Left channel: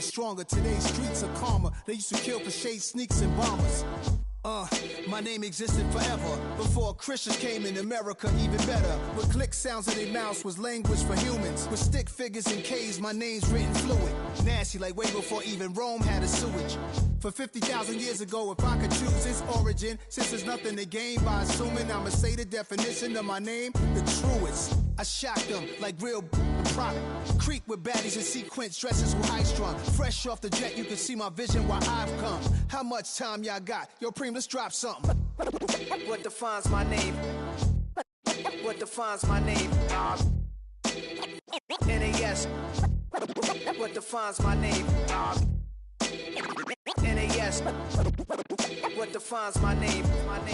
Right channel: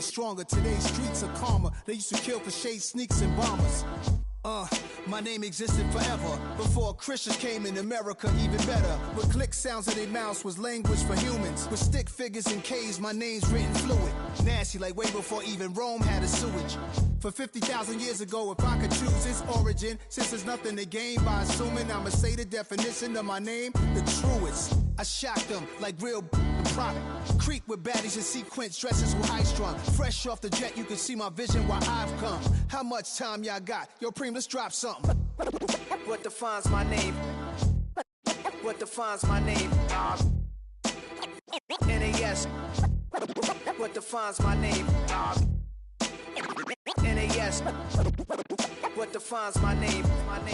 was stronger. Today's streets are calmer. They used to kill for shade, sneaks, and bombers. My name existed forever. Before Christians came in America, even better. With click sounds in their mouths was language for humans. With stick figures and K's, my name's written fluid. Nasty like way before even Rome had a sewage. For 50,000 years ago, if I could choose its origin, since there's nothing to gain by assuming I'ma say the definition of my name, the truest. I shocked them like real product. Creep with baddies in sequence, dresses with high strung. Fresh off the jet, you can see my vision while I've come. How much time y'all got? Yo, Preem, let's drop something. What defines my name? What defines my name? NAS. What defines my name? NAS. What defines my name?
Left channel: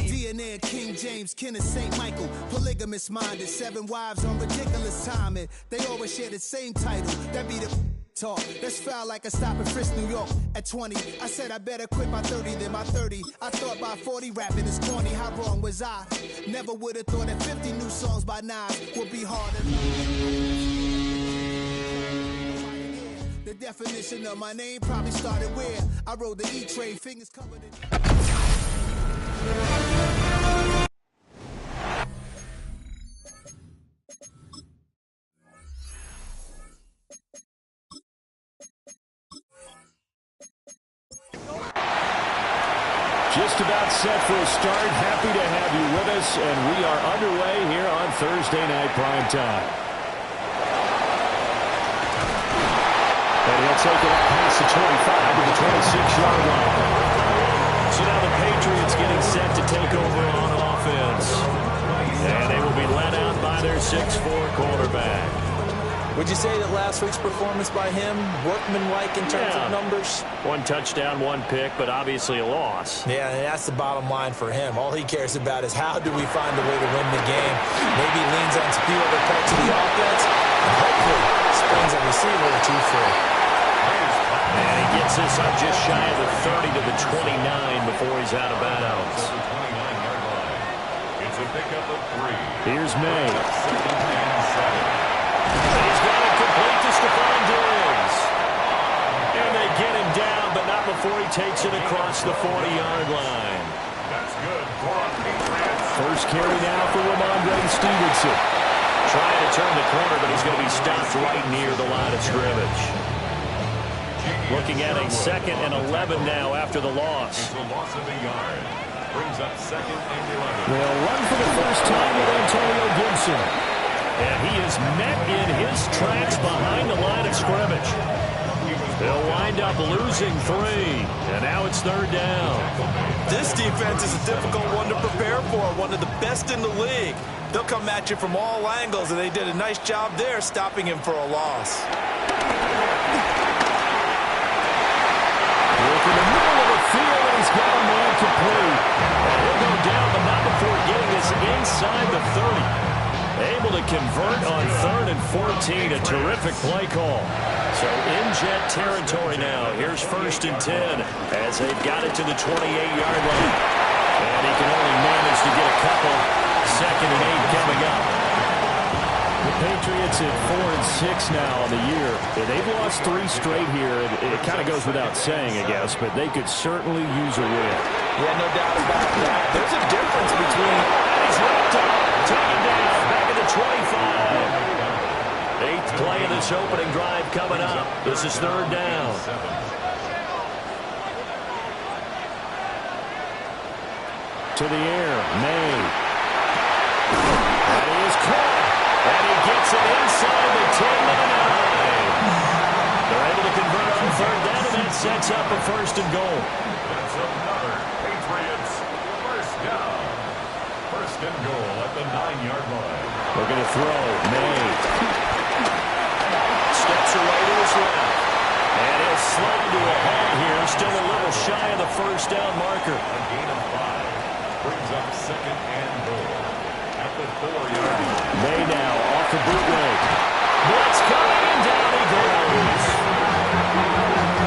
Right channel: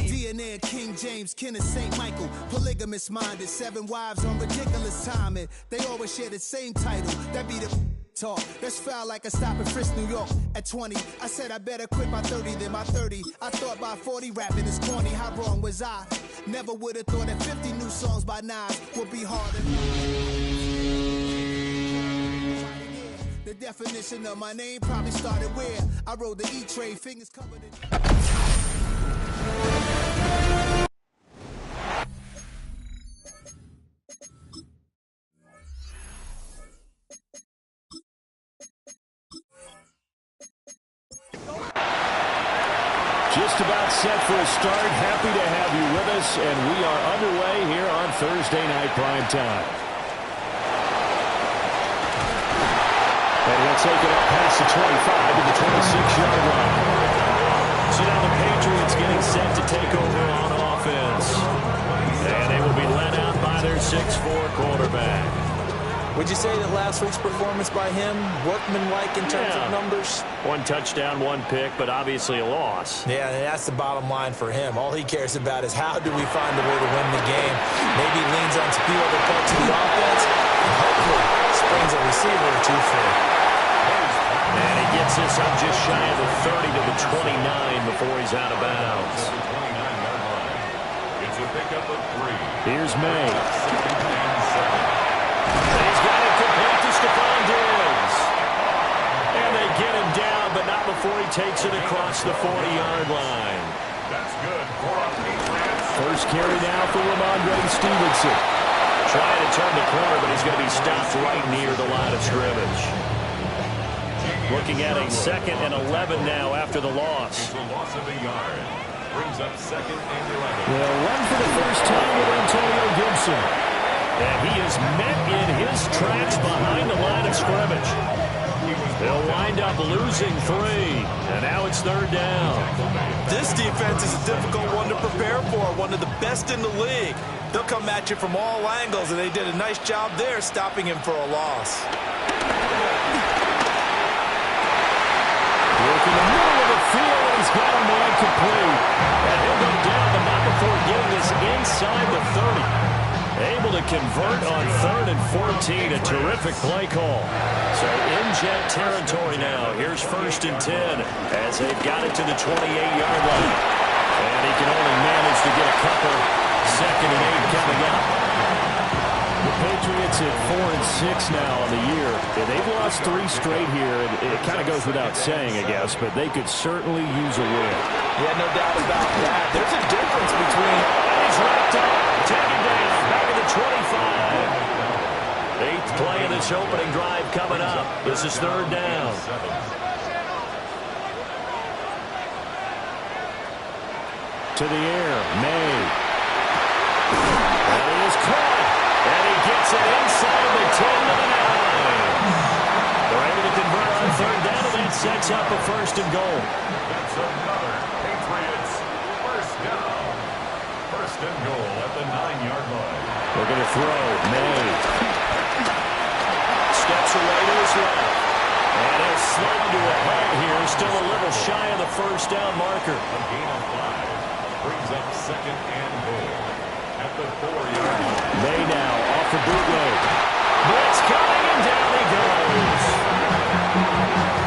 DNA of King James, kin of St. Michael. Polygamous minded, 7 wives on ridiculous timing. They always share the same title. That be the talk. That's foul like a stop in Frisk, New York. At 20, I said I better quit by 30 than by 30. I thought by 40 rapping is corny. How wrong was I? Never would have thought that 50 new songs by Nas would be harder. The definition of my name probably started where I rode the E-Trade, fingers covered in... Just about set for a start. Happy to have you with us, and we are underway here on Thursday Night Prime Time. And he'll take it up past the 25 to the 26-yard line. So now the Patriots getting set to take over on offense. And they will be led out by their 6'4" quarterback. Would you say that last week's performance by him, workmanlike in terms of numbers? 1 touchdown, 1 pick, but obviously a loss. Yeah, and that's the bottom line for him. All he cares about is how do we find a way to win the game. Maybe leans on a few other parts of the offense, and hopefully springs a receiver or two free. And he gets this up just shy of the 30 to the 29 before he's out of bounds. It's a pickup of 3. Here's May. He's got it complete to Stephon Diggs. And they get him down, but not before he takes it across the 40-yard line. That's good for a Patriots. First carry now for Ramondre Stevenson. Trying to turn the corner, but he's going to be stopped right near the line of scrimmage. Looking at a 2nd and 11 now after the loss. It's a loss of a yard. Brings up 2nd and 11. They'll run for the first time with Antonio Gibson. And he is met in his tracks behind the line of scrimmage. They'll wind up losing 3. And now it's 3rd down. This defense is a difficult one to prepare for. One of the best in the league. They'll come at you from all angles, and they did a nice job there stopping him for a loss. Look in the middle of the field, and he's got a man complete. And he'll go down, but not before getting this inside the 30. Able to convert on 3rd and 14. A terrific play call. So in jet territory now. Here's 1st and 10 as they've got it to the 28-yard line. And he can only manage to get a couple. 2nd and 8 coming up. The Patriots at 4-6 now on the year. They've lost 3 straight here. It kind of goes without saying, I guess, but they could certainly use a win. Yeah, no doubt about that. There's a difference between... And he's wrapped up. Taken down. Back at the 25. 8th play of this opening drive coming up. This is 3rd down. To the air. May. And he is caught. And he gets it inside the 10 to the 9. They're able to convert on 3rd down, and that sets up a 1st and goal. That's another Patriots 1st down. 1st and goal at the 9-yard line. We're going to throw. May. Steps away to his left. And he'll slide into a halt here. Still a little shy of the 1st down marker. A gain of 5. Brings up 2nd and goal at the 4-yard line. May now off the bootleg. Blitz coming, and down he goes.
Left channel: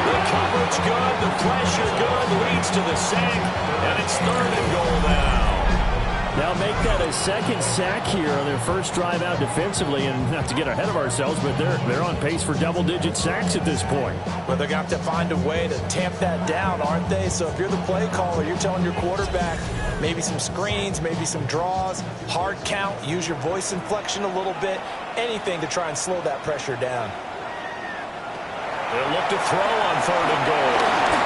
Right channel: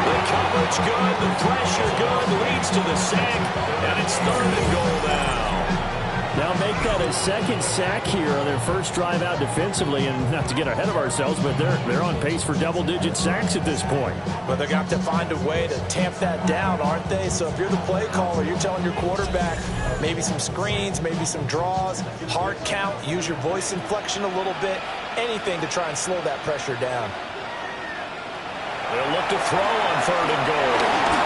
The coverage good, the pressure good, leads to the sack, and it's 3rd and goal now. They'll make that a second sack here on their first drive out defensively. And not to get ahead of ourselves, but they're on pace for double-digit sacks at this point. But they're going to have to find a way to tamp that down, aren't they? So if you're the play caller, you're telling your quarterback maybe some screens, maybe some draws, hard count, use your voice inflection a little bit, anything to try and slow that pressure down. They'll look to throw on 3rd and goal.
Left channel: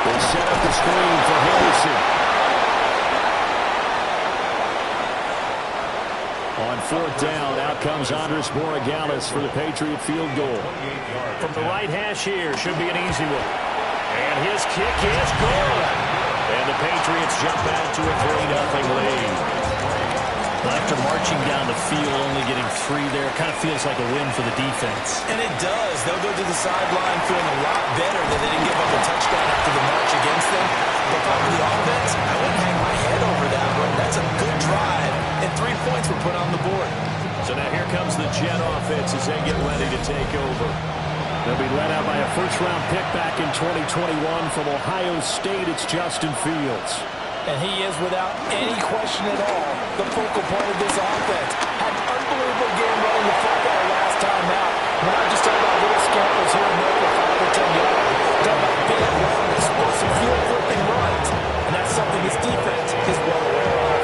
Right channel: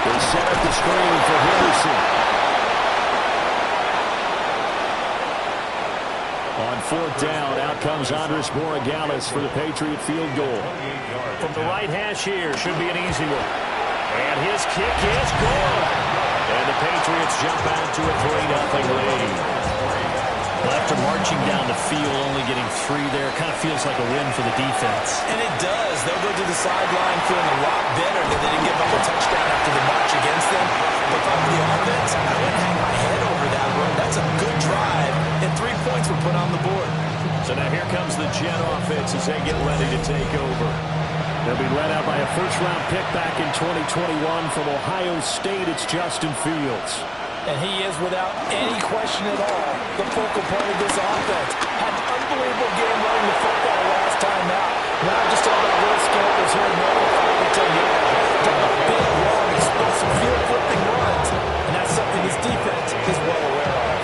They set up the screen for Henderson. On 4th down, out comes Andres Borregales for the Patriot field goal. From the right hash here, should be an easy one. And his kick is good. And the Patriots jump out to a 3-0 lead. Well, after marching down the field, only getting 3 there, kind of feels like a win for the defense. And it does. They'll go to the sideline feeling a lot better that they didn't give up a touchdown after the march against them. But if I'm the offense, I wouldn't hang my head over that one. That's a good drive, and 3 points were put on the board. So now here comes the Jet offense as they get ready to take over. They'll be led out by a first-round pick back in 2021 from Ohio State. It's Justin Fields. And he is, without any question at all, the focal point of this offense. Had an unbelievable game running the football last time out. We're not just talking about little scampers here and there for 5 or 10 yards. We're talking about big, long, explosive field-flipping runs. And that's something his defense is well aware of.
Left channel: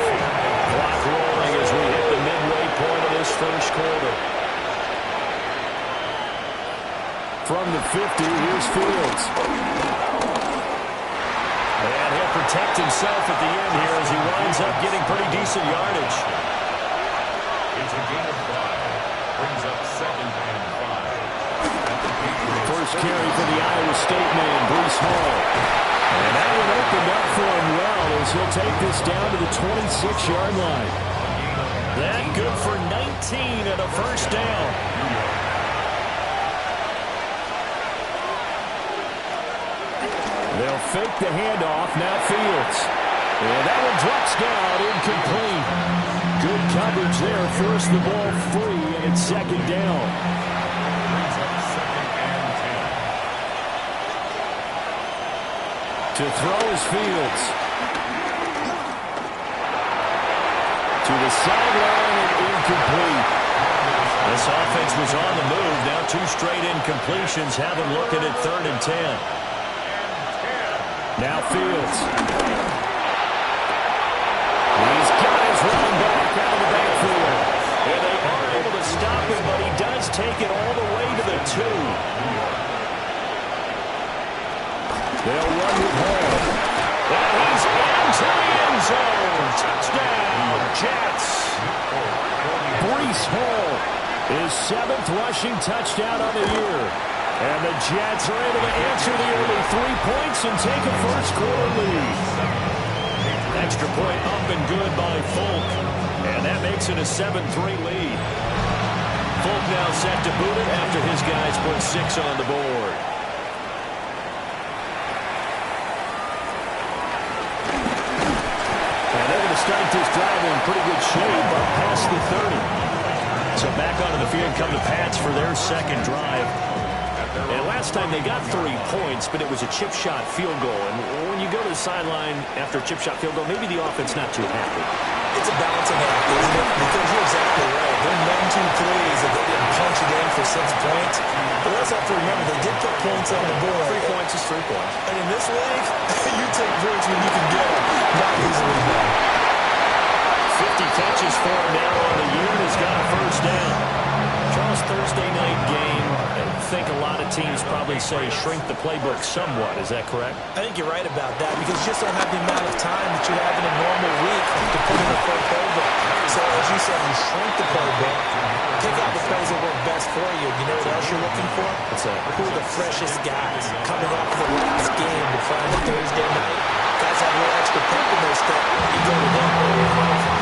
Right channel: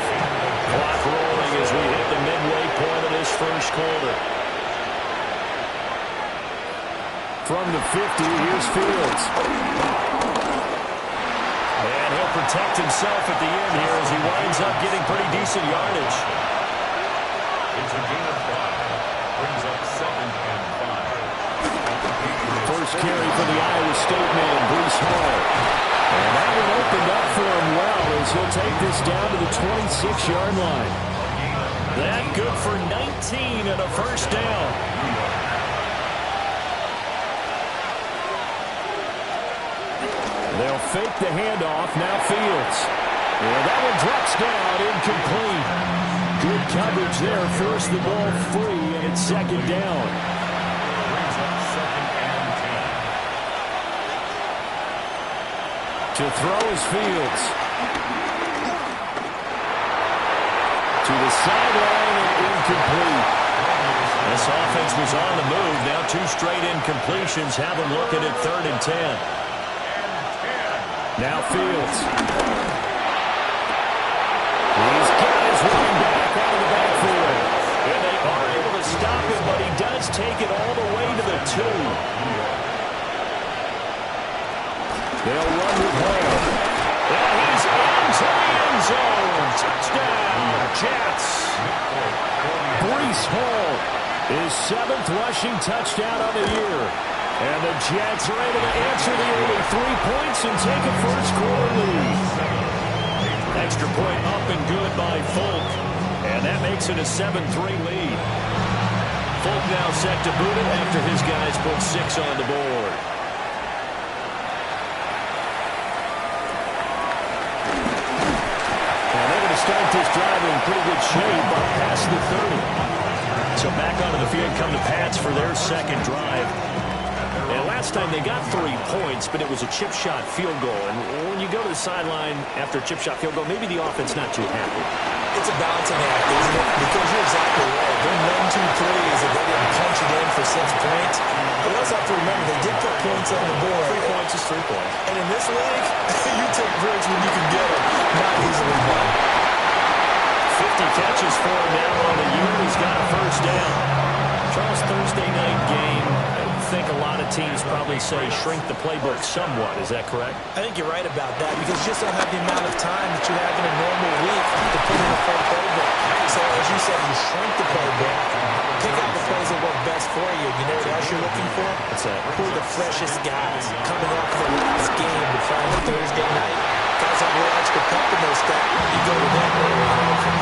Clock rolling as we hit the midway point of this first quarter. From the 50, here's Fields. And he'll protect himself at the end here as he winds up getting pretty decent yardage. It's a gain of 5. Brings up 2nd and 5. First carry for the Iowa State man, Breece Hall. And that one opened up for him well as he'll take this down to the 26-yard line. That good for 19 and a first down. They'll fake the handoff. Now Fields. And that one drops down, incomplete. Good coverage there. Force the ball free, and it's 2nd down. Brings up 2nd and 10. To throw is Fields. To the sideline and incomplete. This offense was on the move. Now 2 straight incompletions have them looking at 3rd and 10. Now Fields. He's got his running back out of the backfield. And they are able to stop him, but he does take it all the way to the 2. They'll run with Hall. And he's into the end zone. Touchdown, Jets. Breece Hall, his 7th rushing touchdown of the year. And the Jets are able to answer the early 3 points and take a first-quarter lead. Extra point up and good by Folk. And that makes it a 7-3 lead. Folk now set to boot it after his guys put 6 on the board. And they're going to start this drive in pretty good shape up past the 30. So back onto the field come the Pats for their second drive. And last time they got 3 points, but it was a chip shot field goal. And when you go to the sideline after a chip shot field goal, maybe the offense not too happy. It's a balancing act, isn't it? Because you're exactly right. They're none too pleased if they didn't punch it in for 6 points. But we also have to remember they did put points on the board. 3 points is 3 points. And in this league, you take points when you can get them. Not easily done. 50 catches for him now on the year. He's got a first down. Charles, Thursday night game. I think a lot of teams probably say shrink the playbook somewhat. Is that correct? I think you're right about that because you just don't have the amount of time that you have in a normal week to put in a full playbook. So as you said, you shrink the playbook, pick out the plays that work best for you. You know what else you're looking for? What's that? Who are the freshest guys coming off the last game to find a Thursday night? Guys have a little extra pep in their step. You go to them early and often.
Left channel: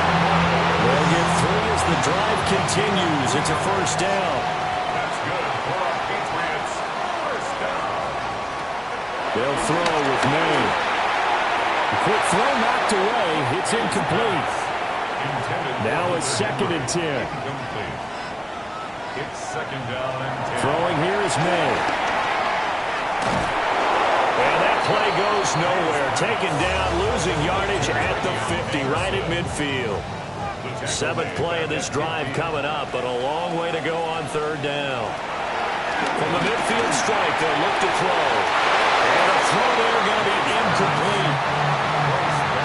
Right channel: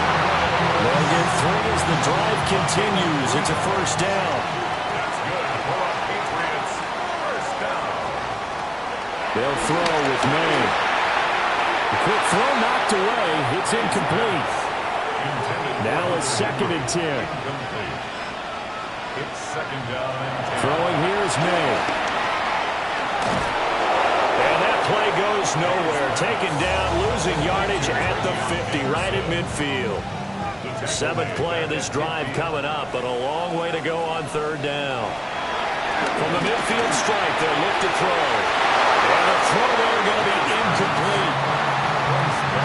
They'll get 3 as the drive continues. It's a first down. That's good for a Patriots first down. They'll throw with May. The quick throw knocked away. It's incomplete. Now it's 2nd and 10. Incomplete. It's 2nd down and 10. Throwing here is May. And that play goes nowhere. Taken down, losing yardage at the 50, right at midfield. Seventh play of this drive coming up, but a long way to go on third down. From the midfield stripe, they'll look to throw. And the throw there going to be incomplete.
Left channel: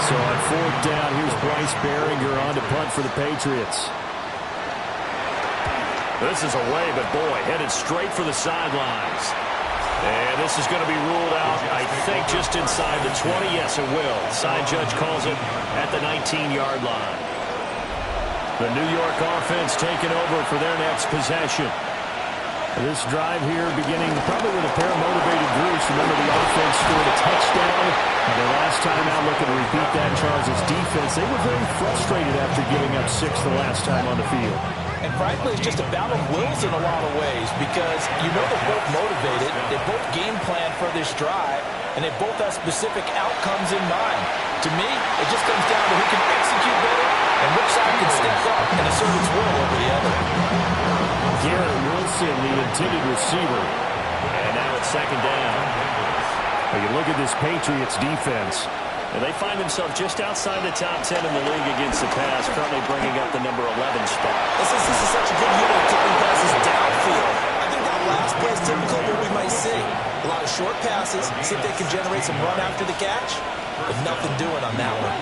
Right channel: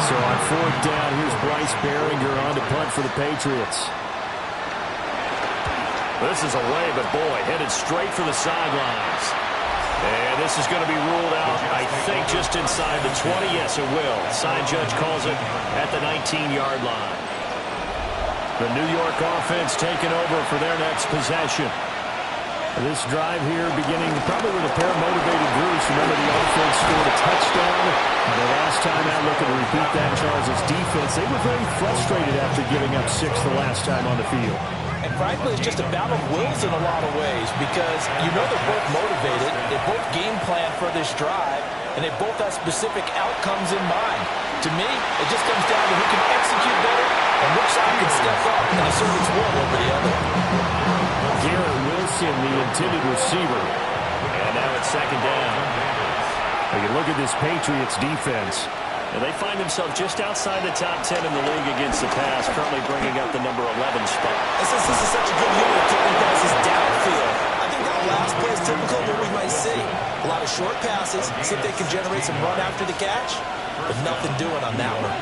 So on fourth down, here's Bryce Behringer on to punt for the Patriots. This is away, but boy, headed straight for the sidelines. And this is going to be ruled out, I think, just inside the 20. Yes, it will. Side judge calls it at the 19-yard line. The New York offense taking over for their next possession. This drive here beginning probably with a pair of motivated groups. Remember, the offense scored a touchdown. The last time out, looking to repeat that in Charles' defense. They were very frustrated after giving up 6 the last time on the field. And frankly, it's just a battle of wills in a lot of ways because you know they're both motivated, they both game plan for this drive, and they both have specific outcomes in mind. To me, it just comes down to who can execute better and which side can step up and assert its will over the other. Garrett Wilson, the intended receiver. And now it's second down. You look at this Patriots defense. And they find themselves just outside the top 10 in the league against the pass, currently bringing up the number 11 spot. This is such a good unit of kicking passes downfield. I think that last play is typical of what we might see. A lot of short passes, see if they can generate some run after the catch, but nothing doing on that one.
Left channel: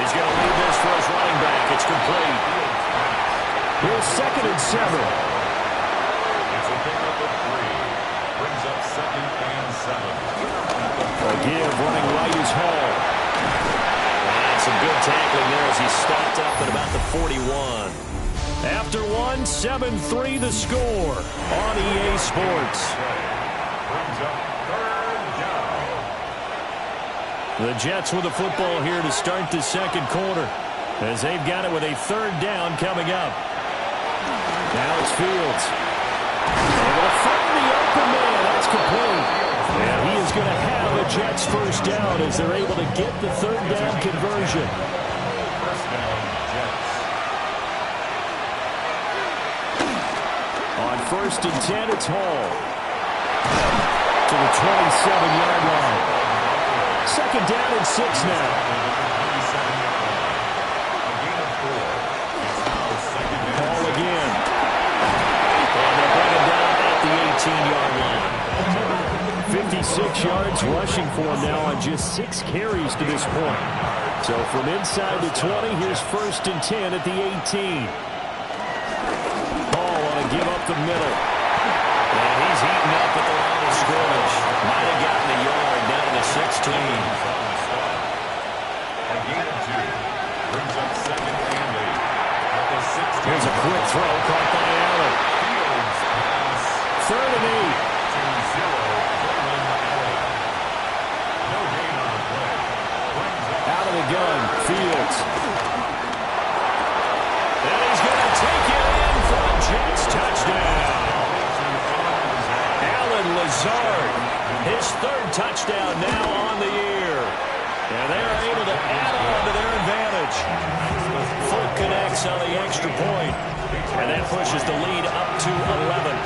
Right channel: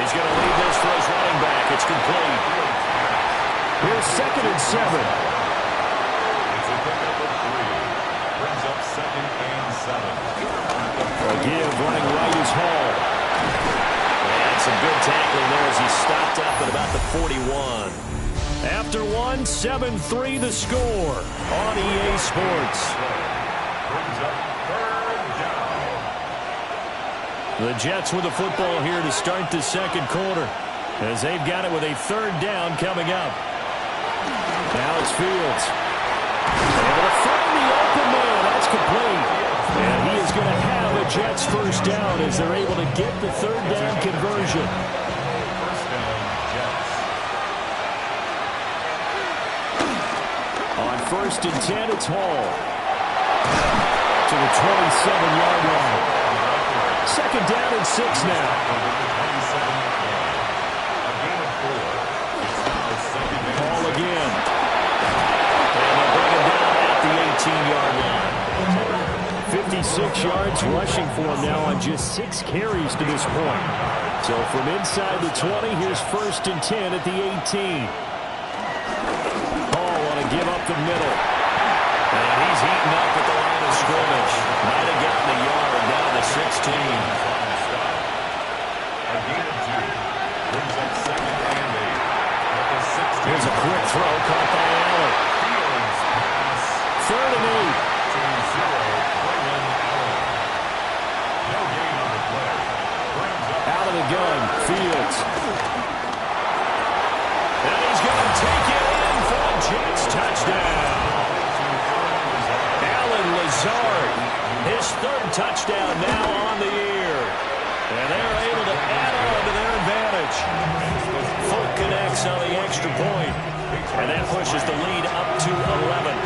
He's going to lead this for his running back. It's complete. Here's 2nd and 7. It's a pickup of 3. Brings up 2nd and 7. A give running right is Hall. And some good tackling there as he stopped up at about the 41. After 1, 7-3 the score on EA Sports. Brings up 3rd down. The Jets with the football here to start the second quarter as they've got it with a 3rd down coming up. Now it's Fields. Able to find the open man. That's complete. And he is going to have a Jets first down as they're able to get the 3rd down conversion. First down, Jets. On 1st and 10, it's Hall. To the 27-yard line. 2nd down and 6 now. A gain of 4. It's now 2nd and 6. Hall again. And they'll bring him down at the 18-yard line. 56 yards rushing for him now on just 6 carries to this point. So from inside the 20, here's 1st and 10 at the 18. Hall on a give up the middle. And he's heating up at the line of scrimmage. Might have gotten a yard down to the 16. A gain of 2. Brings up 2nd and 8. At the 16. Here's a quick throw caught by Allen. Fields pass. 3rd and 8. To 0. Braylon Allen. No gain on the play. Brings up. Out of the gun, Fields. And he's going to take it in for a Jets touchdown. Allen Lazard, his 3rd touchdown now on the year. And they're able to add on to their advantage. Folk connects on the extra point. And that pushes the lead up to 11.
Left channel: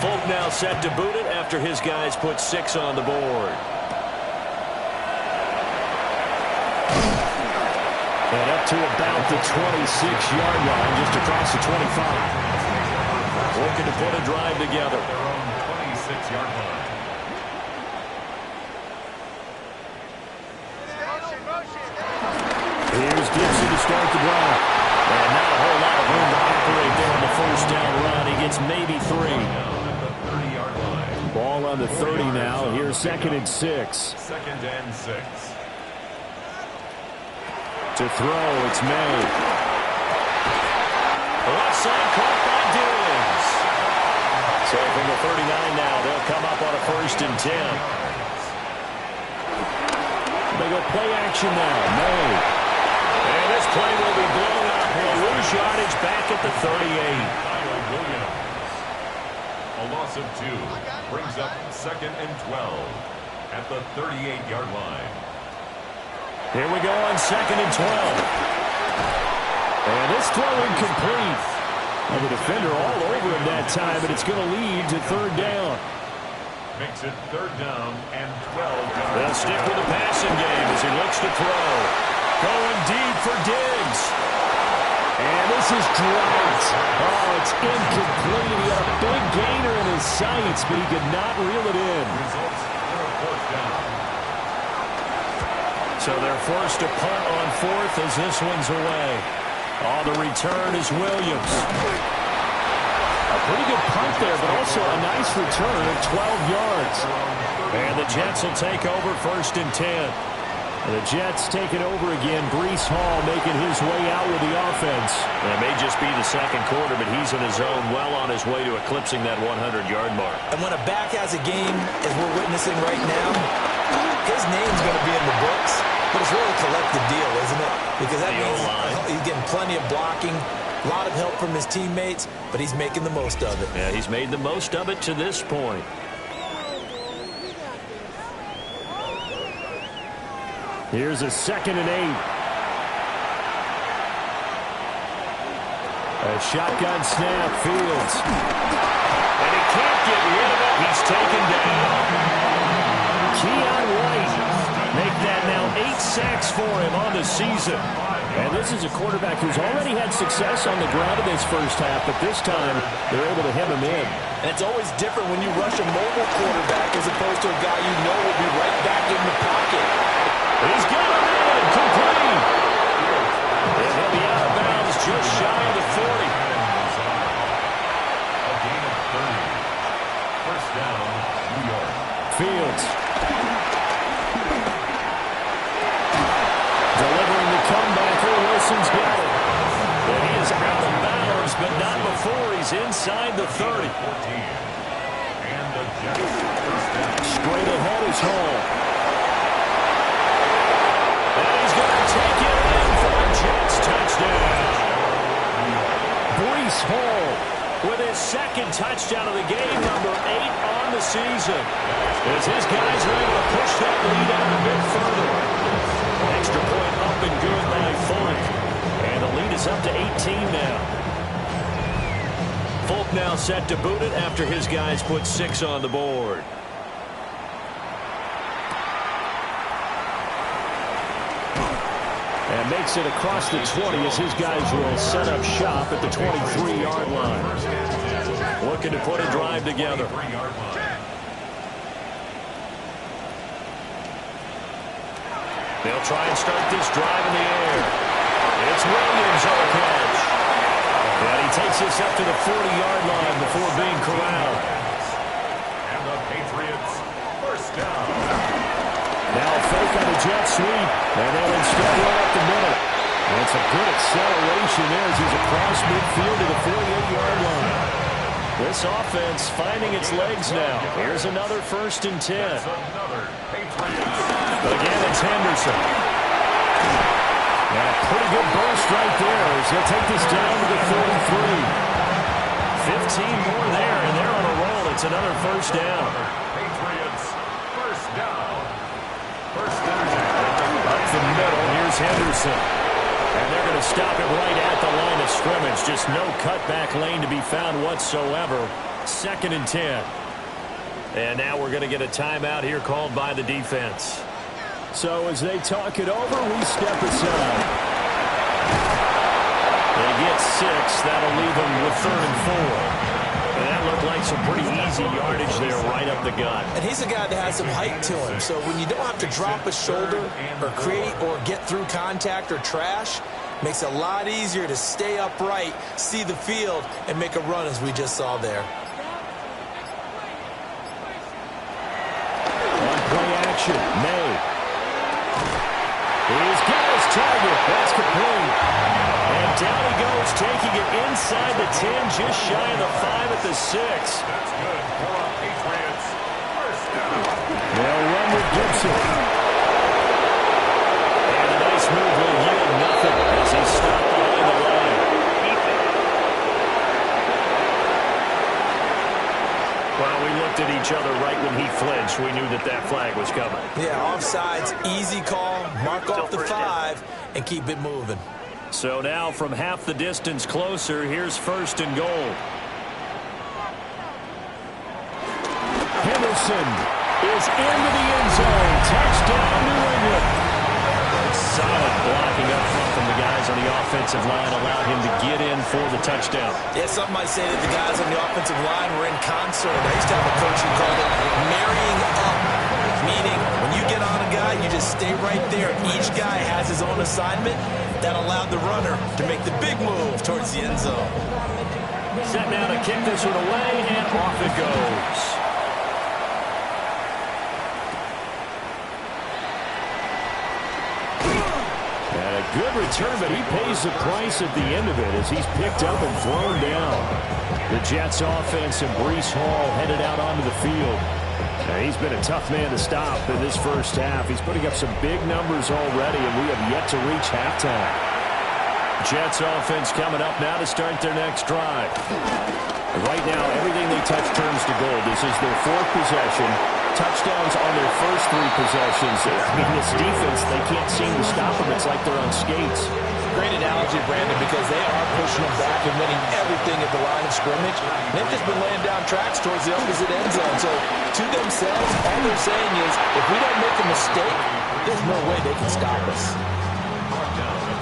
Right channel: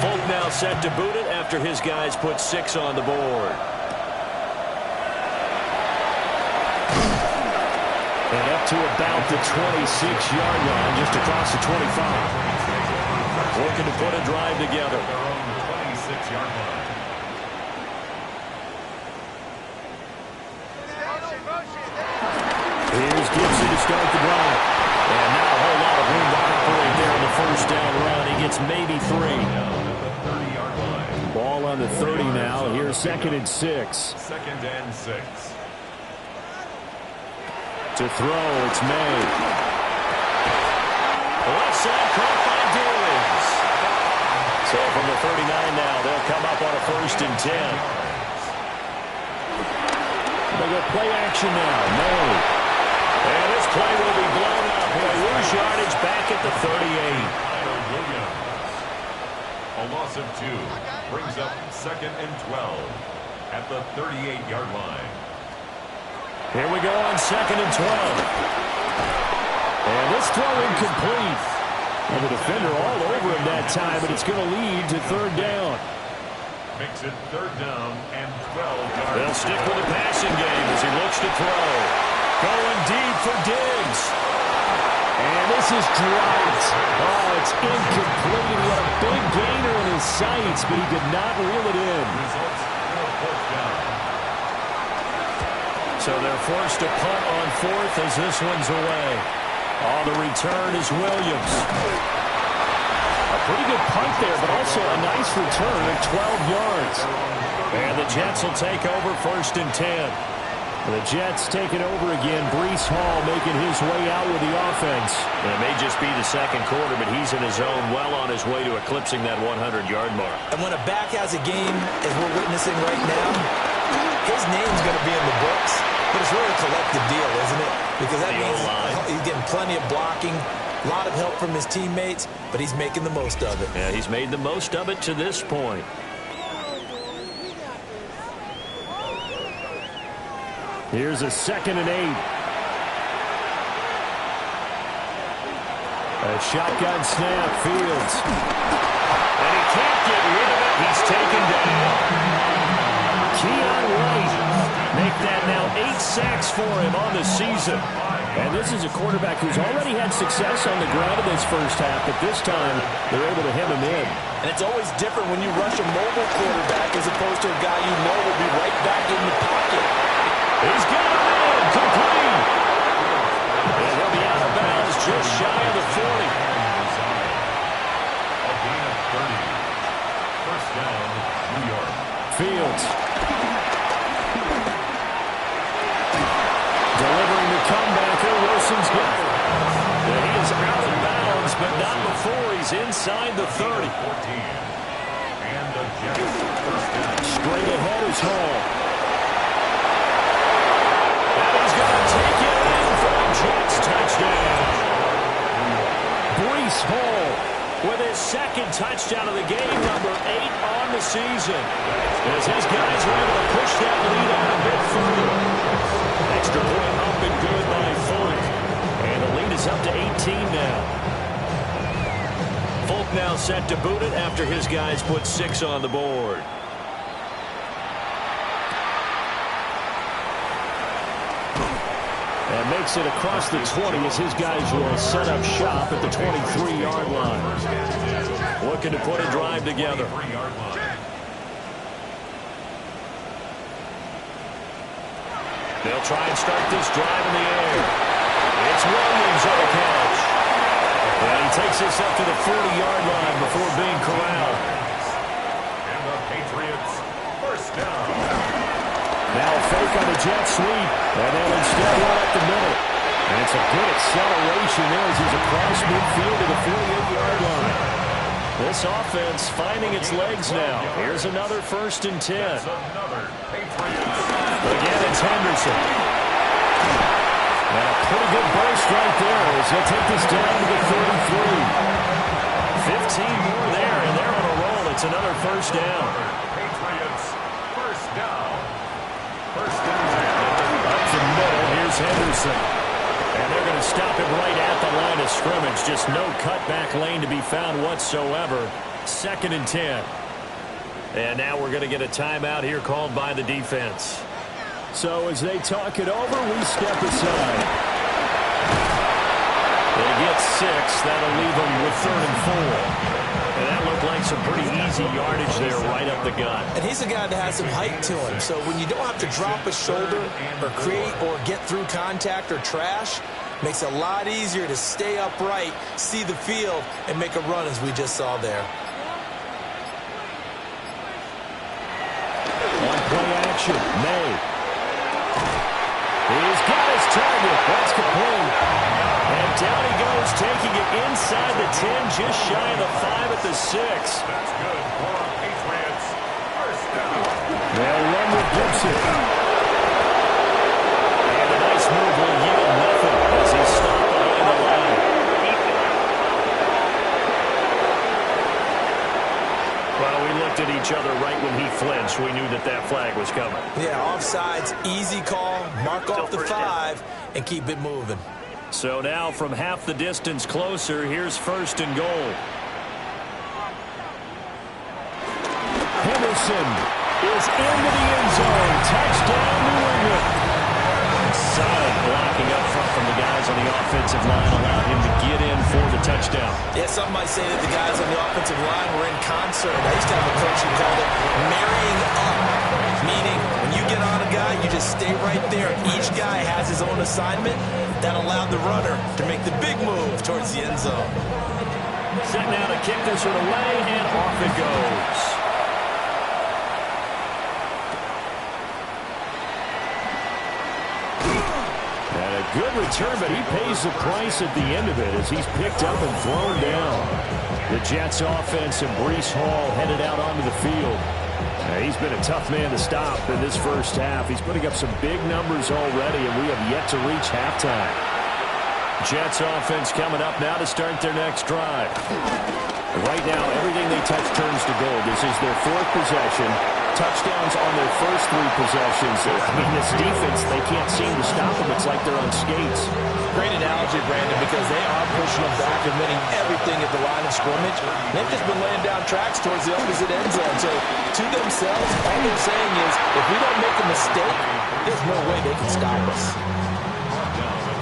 Folk now set to boot it after his guys put 6 on the board. And up to about the 26-yard line, just across the 25. Looking to put a drive together. Their own 26-yard line. Here's Gibson to start the drive. And not a whole lot of room to operate there on the 1st down run. He gets maybe 3. Down at the 30-yard line. Ball on the 30 now. Here's 2nd and 6. 2nd and 6. To throw, it's May. The left side caught by Diggs. So from the 39 now, they'll come up on a 1st and 10. They go play action now. May. And this play will be blown up. He'll lose yardage back at the 38. Kyle Williams. A loss of 2. Brings up 2nd and 12 at the 38-yard line. Here we go on 2nd and 12. And this throw incomplete. And the defender all over him that time, but it's going to lead to 3rd down. makes it 3rd down and 12 yards. They'll stick with the passing game as he looks to throw. Going deep for Diggs. And this is dropped. Oh, it's incomplete. He had a big gainer in his sights, but he could not reel it in. Results in a 4th down. So they're forced to punt on 4th as this one's away. Oh, the return is Williams. A pretty good punt there, but also a nice return of 12 yards. And the Jets will take over 1st and 10. The Jets take it over again. Breece Hall making his way out with the offense. And it may just be the 2nd quarter, but he's in his zone, well on his way to eclipsing that 100-yard mark. And when a back has a game, as we're witnessing right now, his name's going to be in the books. But it's really a collective deal, isn't it? Because that means he's getting plenty of blocking, a lot of help from his teammates, but he's making the most of it. Yeah, he's made the most of it to this point. Here's a 2nd and 8. A shotgun snap, Fields. And he can't get rid of it. He's taken down. Keon White make that now 8 sacks for him on the season. And this is a quarterback who's already had success on the ground in this first half, but this time they're able to hem him in. And it's always different when you rush a mobile quarterback as opposed to a guy you know will be right back in the pocket. He's got him in, complete. And he'll be out of bounds just shy of the 40. A gain of 30. 1st down, New York. Fields. Delivering the comebacker. Wilson's got it. And he is out of bounds, but not before he's inside the 30. 14. And the Jets 1st down. Straight ahead is Hall. And he's going to take it in for a Jets touchdown. Breece Hall with his 2nd touchdown of the game, number 8 on the season. As his guys are able to push that lead out a bit further. Extra point up and good by Folk. And the lead is up to 18 now. Folk now set to boot it after his guys put 6 on the board. And makes it across the 20 as his guys will set up shop at the 23-yard line. Looking to put a drive together. They'll try and start this drive in the air. It's Williams on the catch. And he takes this up to the 40-yard line before being corralled. And the Patriots 1st down. Now a fake on the jet sweep, and they'll instead run up the middle. And it's a good acceleration there as he's across midfield to the 48-yard line. This offense finding its legs now. Here's another 1st and 10. That's another Patriots. Again, it's Henderson. And a pretty good burst right there as he'll take this down to the 33. 15 more there, and they're on a roll. It's another 1st down. Patriots 1st down. 1st and 10. Up the middle, here's Henderson. And they're going to stop him right at the line of scrimmage. Just no cutback lane to be found whatsoever. 2nd and 10. And now we're going to get a timeout here called by the defense. So as they talk it over, we step aside. They get 6. That'll leave them with 3rd and 4. And that looked like some pretty easy yardage there right up the gut. And he's a guy that has some height to him. So when you don't have to drop a shoulder or create or get through contact or trash, makes it a lot easier to stay upright, see the field, and make a run as we just saw there. On play action, May. He's got his target. That's complete. And down he goes, taking it inside the 10, just shy of the 5 at the 6. That's good for the Patriots. 1st down. They'll run with Gibson. And a nice move will yield nothing as he's stopped behind the line. Well, we looked at each other right when he flinched. We knew that that flag was coming. Yeah, offsides, easy call, mark off the 5, and keep it moving. So now from half the distance closer, here's 1st and goal. Henderson is into the end zone. Touchdown, New England. Solid blocking up front from the guys on the offensive line allowed him to get in for the touchdown. Yeah, some might say that the guys on the offensive line were in concert. I used to have a coach who called it marrying up, meaning when you get on a guy, you just stay right there. Each guy has his own assignment. That allowed the runner to make the big move towards the end zone. Set now to kick this one away, and off it goes. And a good return, but he pays the price at the end of it as he's picked up and thrown down. The Jets offense and Breece Hall headed out onto the field. He's been a tough man to stop in this first half. He's putting up some big numbers already, and we have yet to reach halftime. Jets offense coming up now to start their next drive. Right now, everything they touch turns to gold. This is their fourth possession. Touchdowns on their first three possessions. I mean, this defense, they can't seem to stop them. It's like they're on skates. Great analogy, Brandon, because they are pushing them back and winning everything at the line of scrimmage. They've just been laying down tracks towards the opposite end zone. So, to themselves, all they're saying is, if we don't make a mistake, there's no way they can stop us.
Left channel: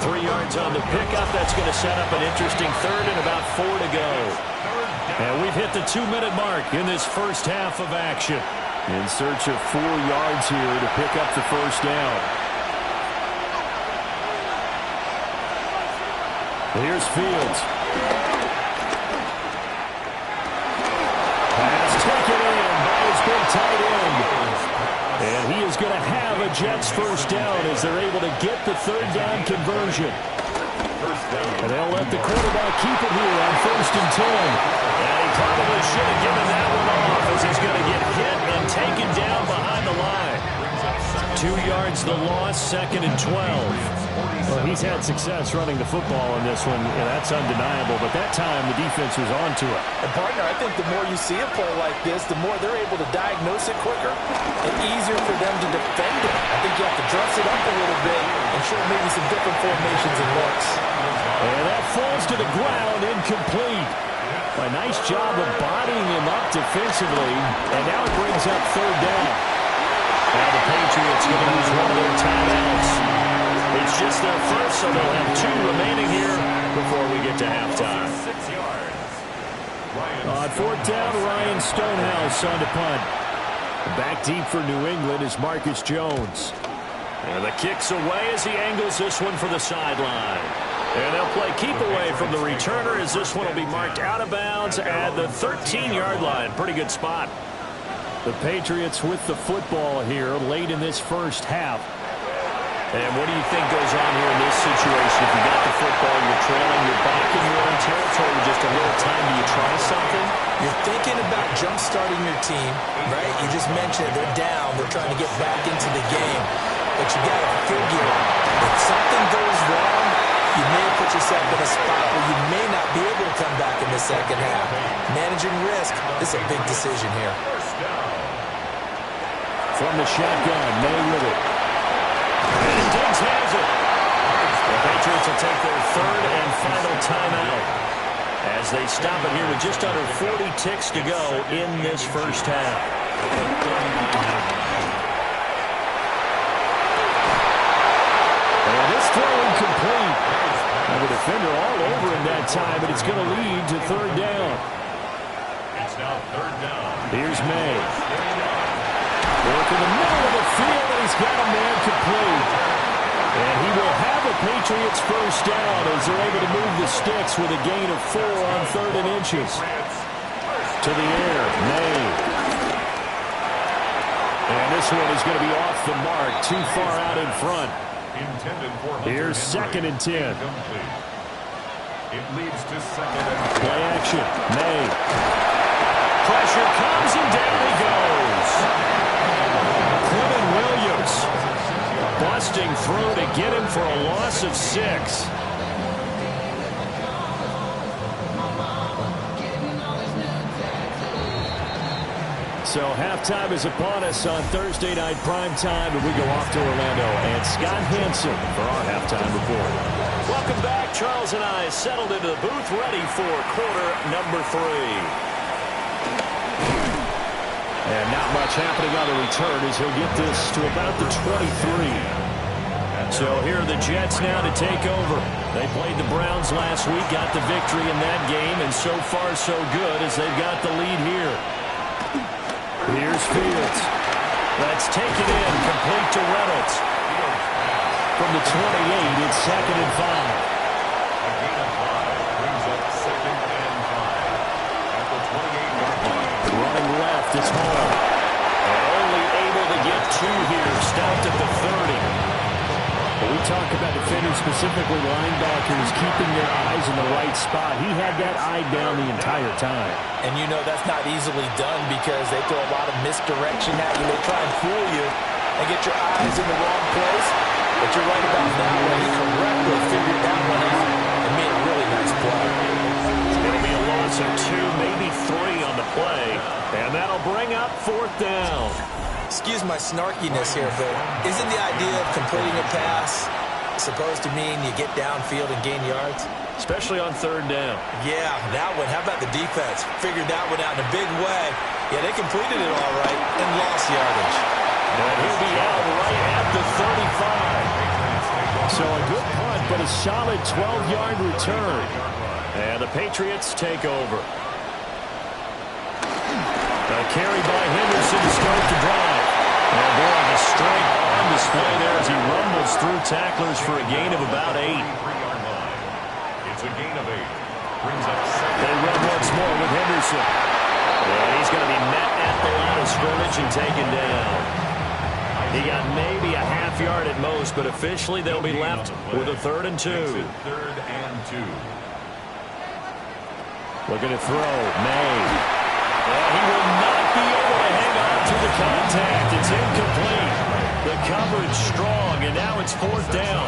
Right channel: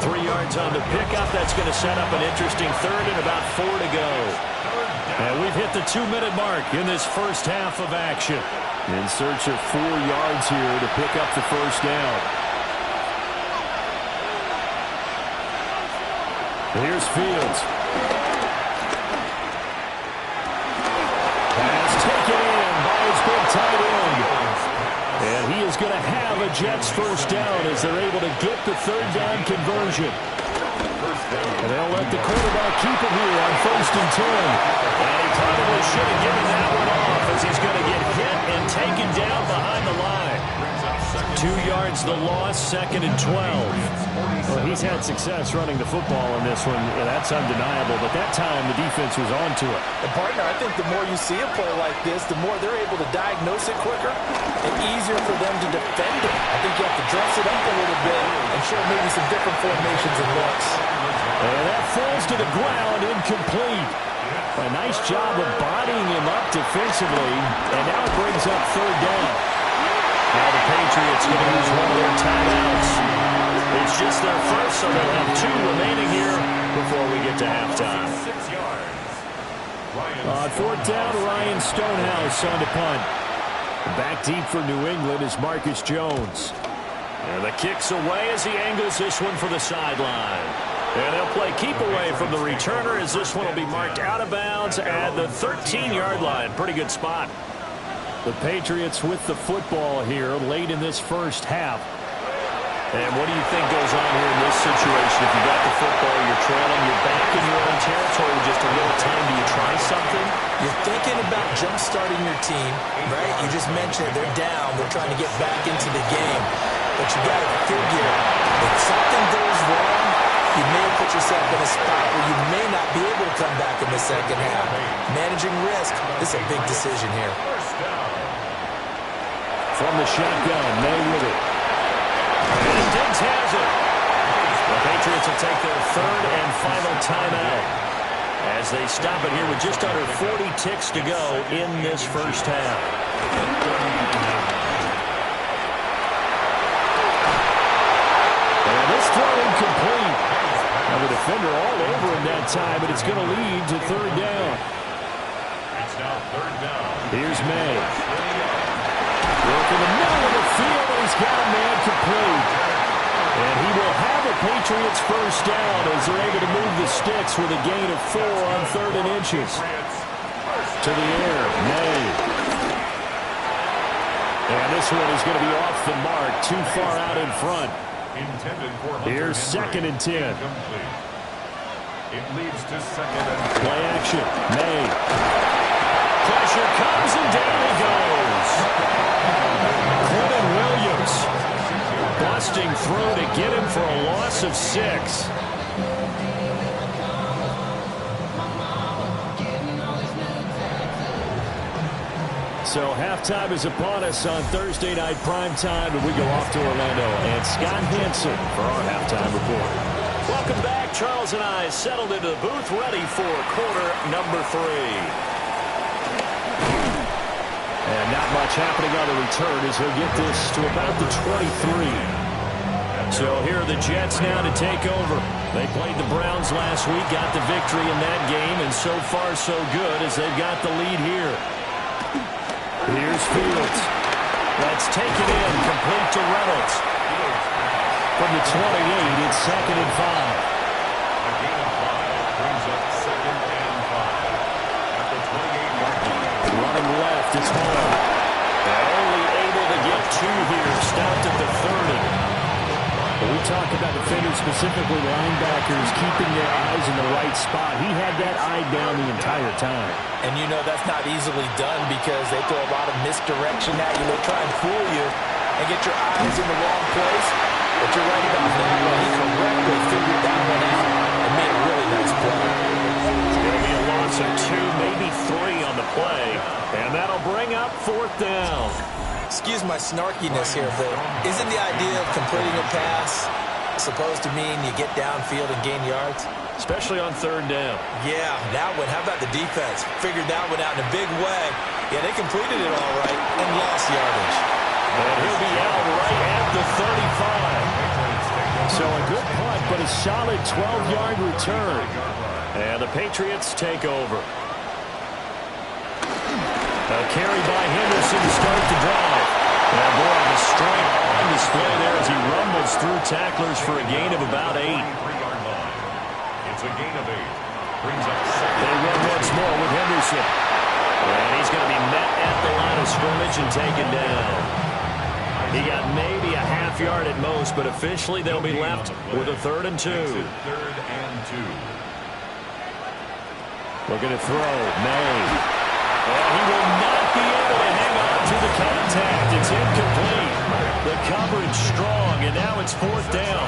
3 yards on the pickup. That's going to set up an interesting third and about 4 to go. And we've hit the 2-minute mark in this first half of action. In search of 4 yards here to pick up the first down. Here's Fields. Pass taken in by his big tight end. And he is going to have a Jets first down as they're able to get the third down conversion. And they'll let the quarterback keep it here on 1st and 10. And he probably should have given that one off as he's going to get hit and taken down behind the line. 2 yards the loss, 2nd and 12. Well, he's had success running the football in this one, and that's undeniable. But that time, the defense was on to it. And, partner, I think the more you see a play like this, the more they're able to diagnose it quicker and easier for them to defend it. I think you have to dress it up a little bit and show maybe some different formations and looks. And that falls to the ground, incomplete. A nice job of bodying him up defensively, and now it brings up third down. Now the Patriots going to use one of their timeouts. It's just their first, so they'll have 2 remaining here before we get to halftime. 6 yards. On 4th down, Ryan Stonehouse on to punt. Back deep for New England is Marcus Jones. And the kick's away as he angles this one for the sideline. And they'll play keep away from the returner as this one will be marked out of bounds at the 13-yard line. Pretty good spot. The Patriots with the football here late in this first half. And what do you think goes on here in this situation? If you got the football, you're trailing, you're back in your own territory with just a little time. Do you try something? You're thinking about jump-starting your team, right? You just mentioned it. They're down. They're trying to get back into the game. But you got to figure, if something goes wrong, you may have put yourself in a spot where you may not be able to come back in the second half. Managing risk, this is a big decision here. From the shotgun, May with it. And Diggs has it. The Patriots will take their third and final timeout as they stop it here with just under 40 ticks to go in this first half. And this throw incomplete. Now the defender all over him that time, but it's going to lead to third down. It's now third down. Here's May. Work in the middle of the field, and he's got a man complete. And he will have a Patriots first down as they're able to move the sticks with a gain of 4 on 3rd and inches. To the air, May. And this one is going to be off the mark, too far out in front. Here's 2nd and 10. It leads to 2nd and 10. Play action, May. Pressure comes, and down he goes. Quentin Williams. Busting through to get him for a loss of 6. So halftime is upon us on Thursday night primetime, and we go off to Orlando. And Scott Hansen for our halftime report. Welcome back. Charles and I settled into the booth, ready for quarter number 3. And not much happening on the return as he'll get this to about the 23. So here are the Jets now to take over. They played the Browns last week, got the victory in that game, and so far so good as they've got the lead here. Here's Fields. That's taken in, complete to Reynolds. From the 28, it's 2nd and 5. A gain of 5 brings up 2nd and 5 at the 28-yard line. Running left, it's Hall. And only able to get 2 here, stopped at the 30. But we talk about defenders, specifically linebackers, keeping their eyes in the right spot. He had that eye down the entire time. And you know that's not easily done because they throw a lot of misdirection at you. They try and fool you and get your eyes in the wrong place. But you're right about that one. He correctly figured that one out and made a really nice play. It's going to be a loss of 2, maybe 3 on the play. And that'll bring up 4th down. Excuse my snarkiness here, but isn't the idea of completing a pass supposed to mean you get downfield and gain yards? Especially on 3rd down. Yeah, that one. How about the defense? Figured that one out in a big way. Yeah, they completed it all right and lost yardage. And he'll be out right at the 35. So a good punt, but a solid 12-yard return. And the Patriots take over. A carry by Henderson to start the drive. And boy, the strength on display there as he rumbles through tacklers for a gain of about 8. It's a gain of 8. Brings up 2nd. They run once more with Henderson. And he's going to be met at the line of scrimmage and taken down. He got maybe a half yard at most, but officially they'll be left with a 3rd and 2. 3rd and 2. Looking to throw. May. And he will not be able to hang on to the contact. It's incomplete. The coverage strong, and now it's 4th down.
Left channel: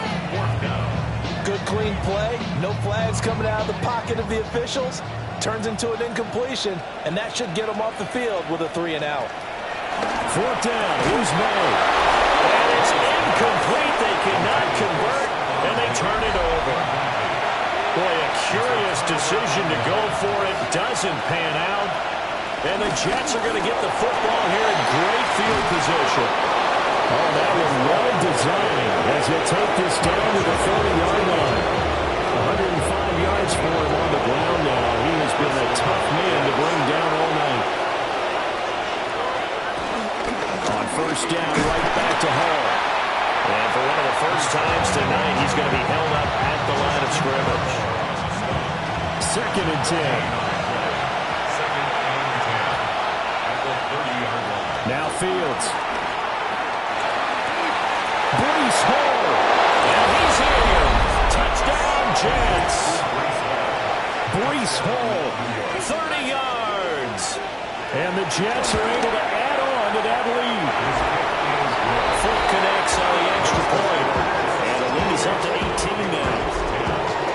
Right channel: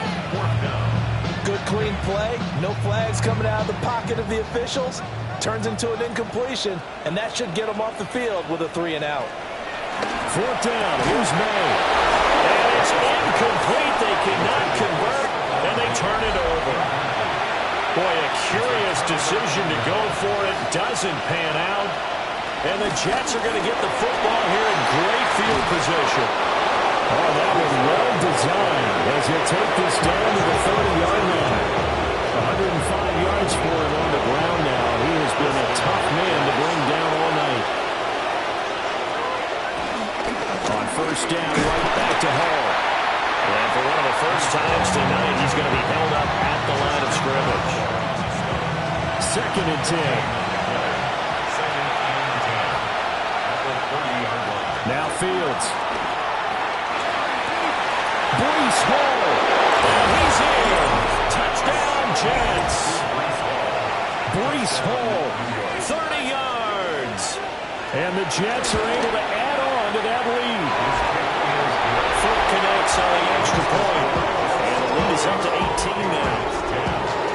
Good, clean play. No flags coming out of the pocket of the officials. Turns into an incompletion, and that should get him off the field with a 3 and out. 4th down. Here's May. And it's incomplete. They cannot convert, and they turn it over. Boy, a curious decision to go for it. Doesn't pan out. And the Jets are going to get the football here in great field position. Oh, that was well designed as they take this down to the 30-yard line. 105 yards for him on the ground now. He has been a tough man to bring down all night. On 1st down, right back to Hall. And for one of the first times tonight, he's going to be held up at the line of scrimmage. 2nd and 10. Now Fields. Breece Hall. And he's in. Touchdown, Jets. Breece Hall, 30 yards. And the Jets are able to add on to that lead. Foot connects on the extra point. And the lead is up to 18 now.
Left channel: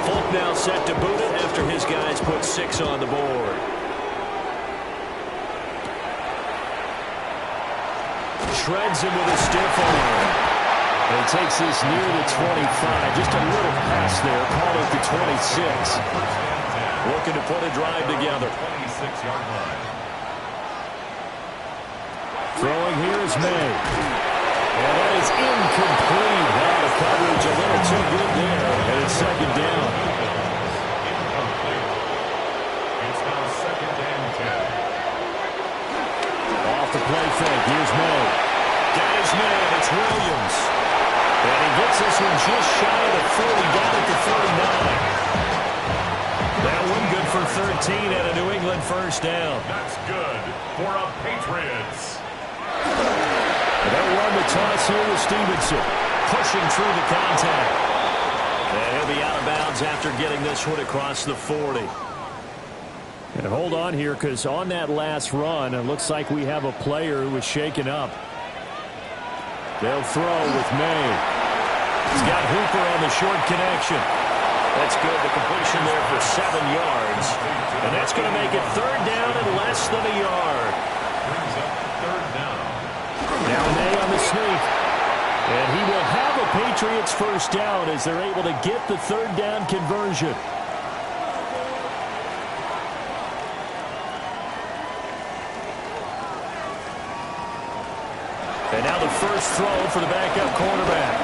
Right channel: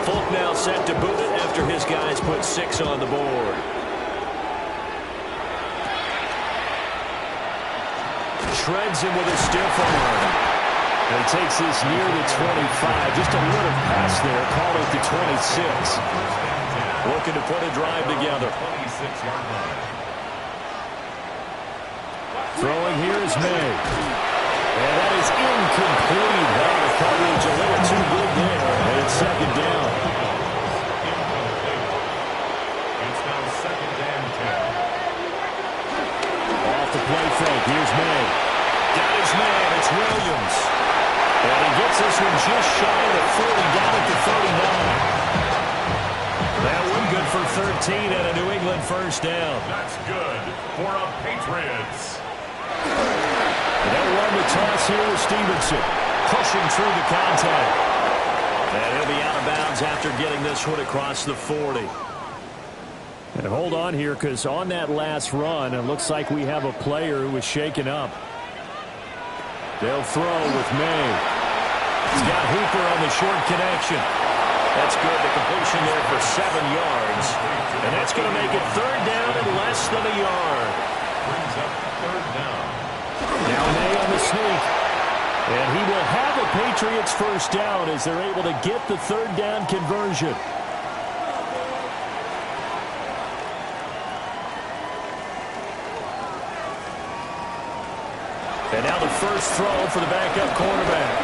Folk now set to boot it after his guys put 6 on the board. Shreds him with a stiff arm. And he takes this near the 25. Just a little pass there. Call it the 26. Looking to put a drive together. 26-yard line. Throwing here is May. And that is incomplete. Now the coverage a little too good there. And it's 2nd down. Incomplete. It's now 2nd and 10. Off the play fake. Here's May. Got his man. It's Williams. And he gets this one just shy of the 40, down at the 39. That one good for 13 at a New England 1st down. That's good for a Patriots. And they'll run the toss here with Stevenson. Pushing through the contact. And he'll be out of bounds after getting this one across the 40. And hold on here, because on that last run, it looks like we have a player who was shaken up. They'll throw with May. He's got Hooper on the short connection. That's good. The completion there for 7 yards. And that's going to make it 3rd down and less than a yard. Brings up 3rd down. Now May on the sneak. And he will have a Patriots 1st down as they're able to get the 3rd down conversion. And now the first throw for the backup quarterback.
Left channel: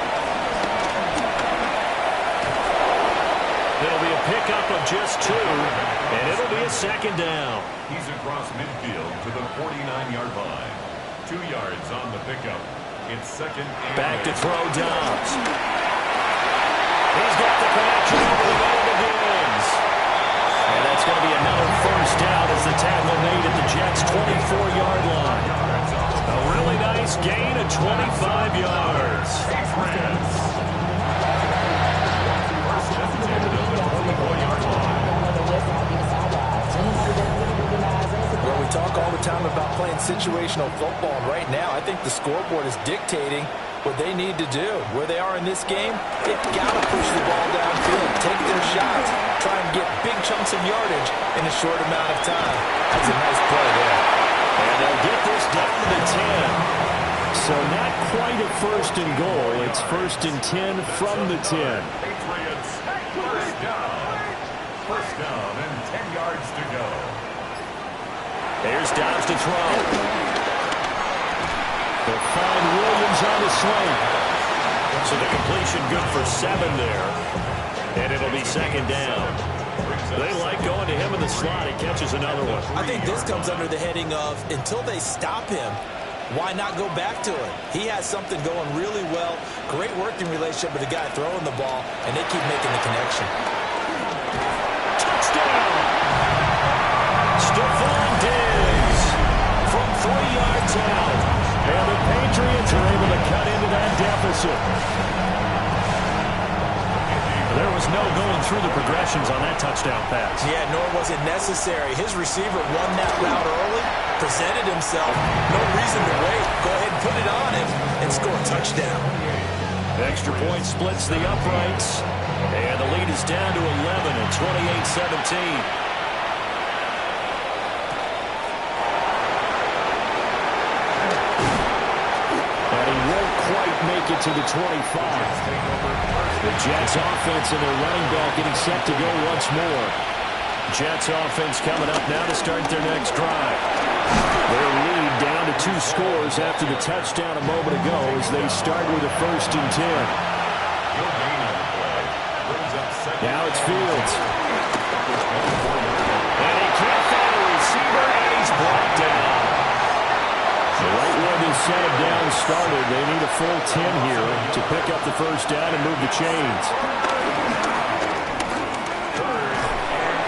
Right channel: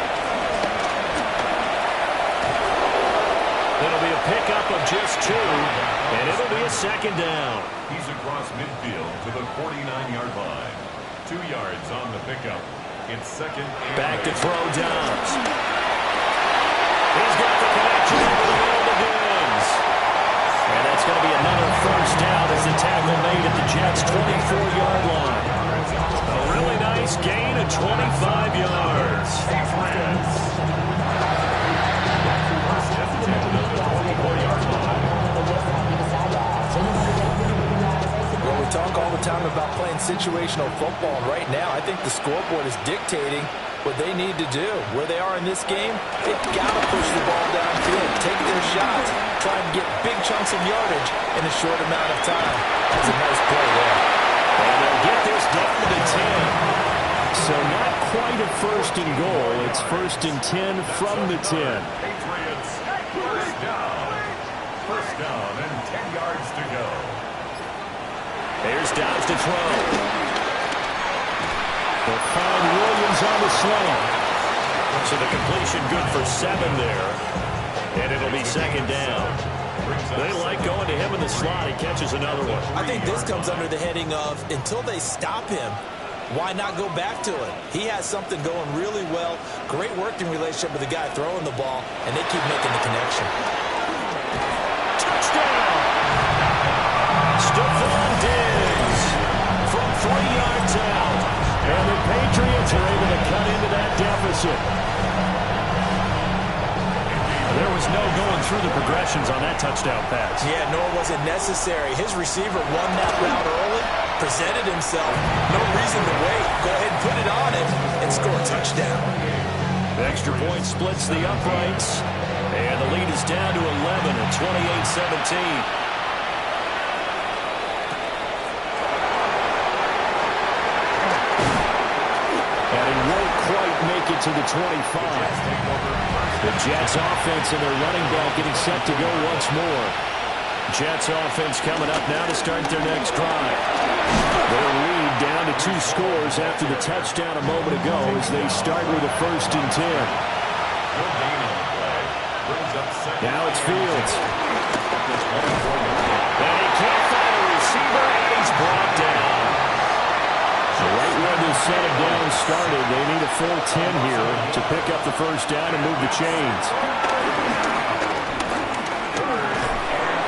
It'll be a pickup of just 2, and it'll be a second down. He's across midfield to the 49-yard line. 2 yards on the pickup. It's second and back to throw Dobbs. He's got the connection over the middle to Diggs. And that's going to be another first down as the tackle made at the Jets' 24-yard line. A really nice gain of 25 yards. Well, we talk all the time about playing situational football, and right now I think the scoreboard is dictating what they need to do. Where they are in this game, they've got to push the ball downfield, take their shots, try and get big chunks of yardage in a short amount of time. That's a nice play there. And they'll get this down to the 10. So not quite a first and goal. It's first and 10 from the 10. Patriots, first down. First down and 10 yards to go. There's Dobbs to throw. They'll find Williams on the slant. So the completion good for 7 there. And it'll be second down. They like going to him in the slot. He catches another one. I think this comes under the heading of until they stop him, why not go back to it? He has something going really well. Great working relationship with the guy throwing the ball, and they keep making the connection. Touchdown! Stephon Diggs from 3 yards out. And the Patriots are able to cut into that deficit. There was no going through the progressions on that touchdown pass. Yeah, nor was it necessary. His receiver won that route early, presented himself. No reason to wait. Go ahead and put it on him and score a touchdown. The extra point splits the uprights. And the lead is down to 11 at 28-17. And he won't quite make it to the 25. The Jets offense and their running back getting set to go once more. Jets offense coming up now to start their next drive. Their lead down to 2 scores after the touchdown a moment ago as they start with a first and 10. Now it's Fields. And he can't find a receiver, and he's brought down. Right where this set of downs started, they need a full 10 here to pick up the first down and move the chains.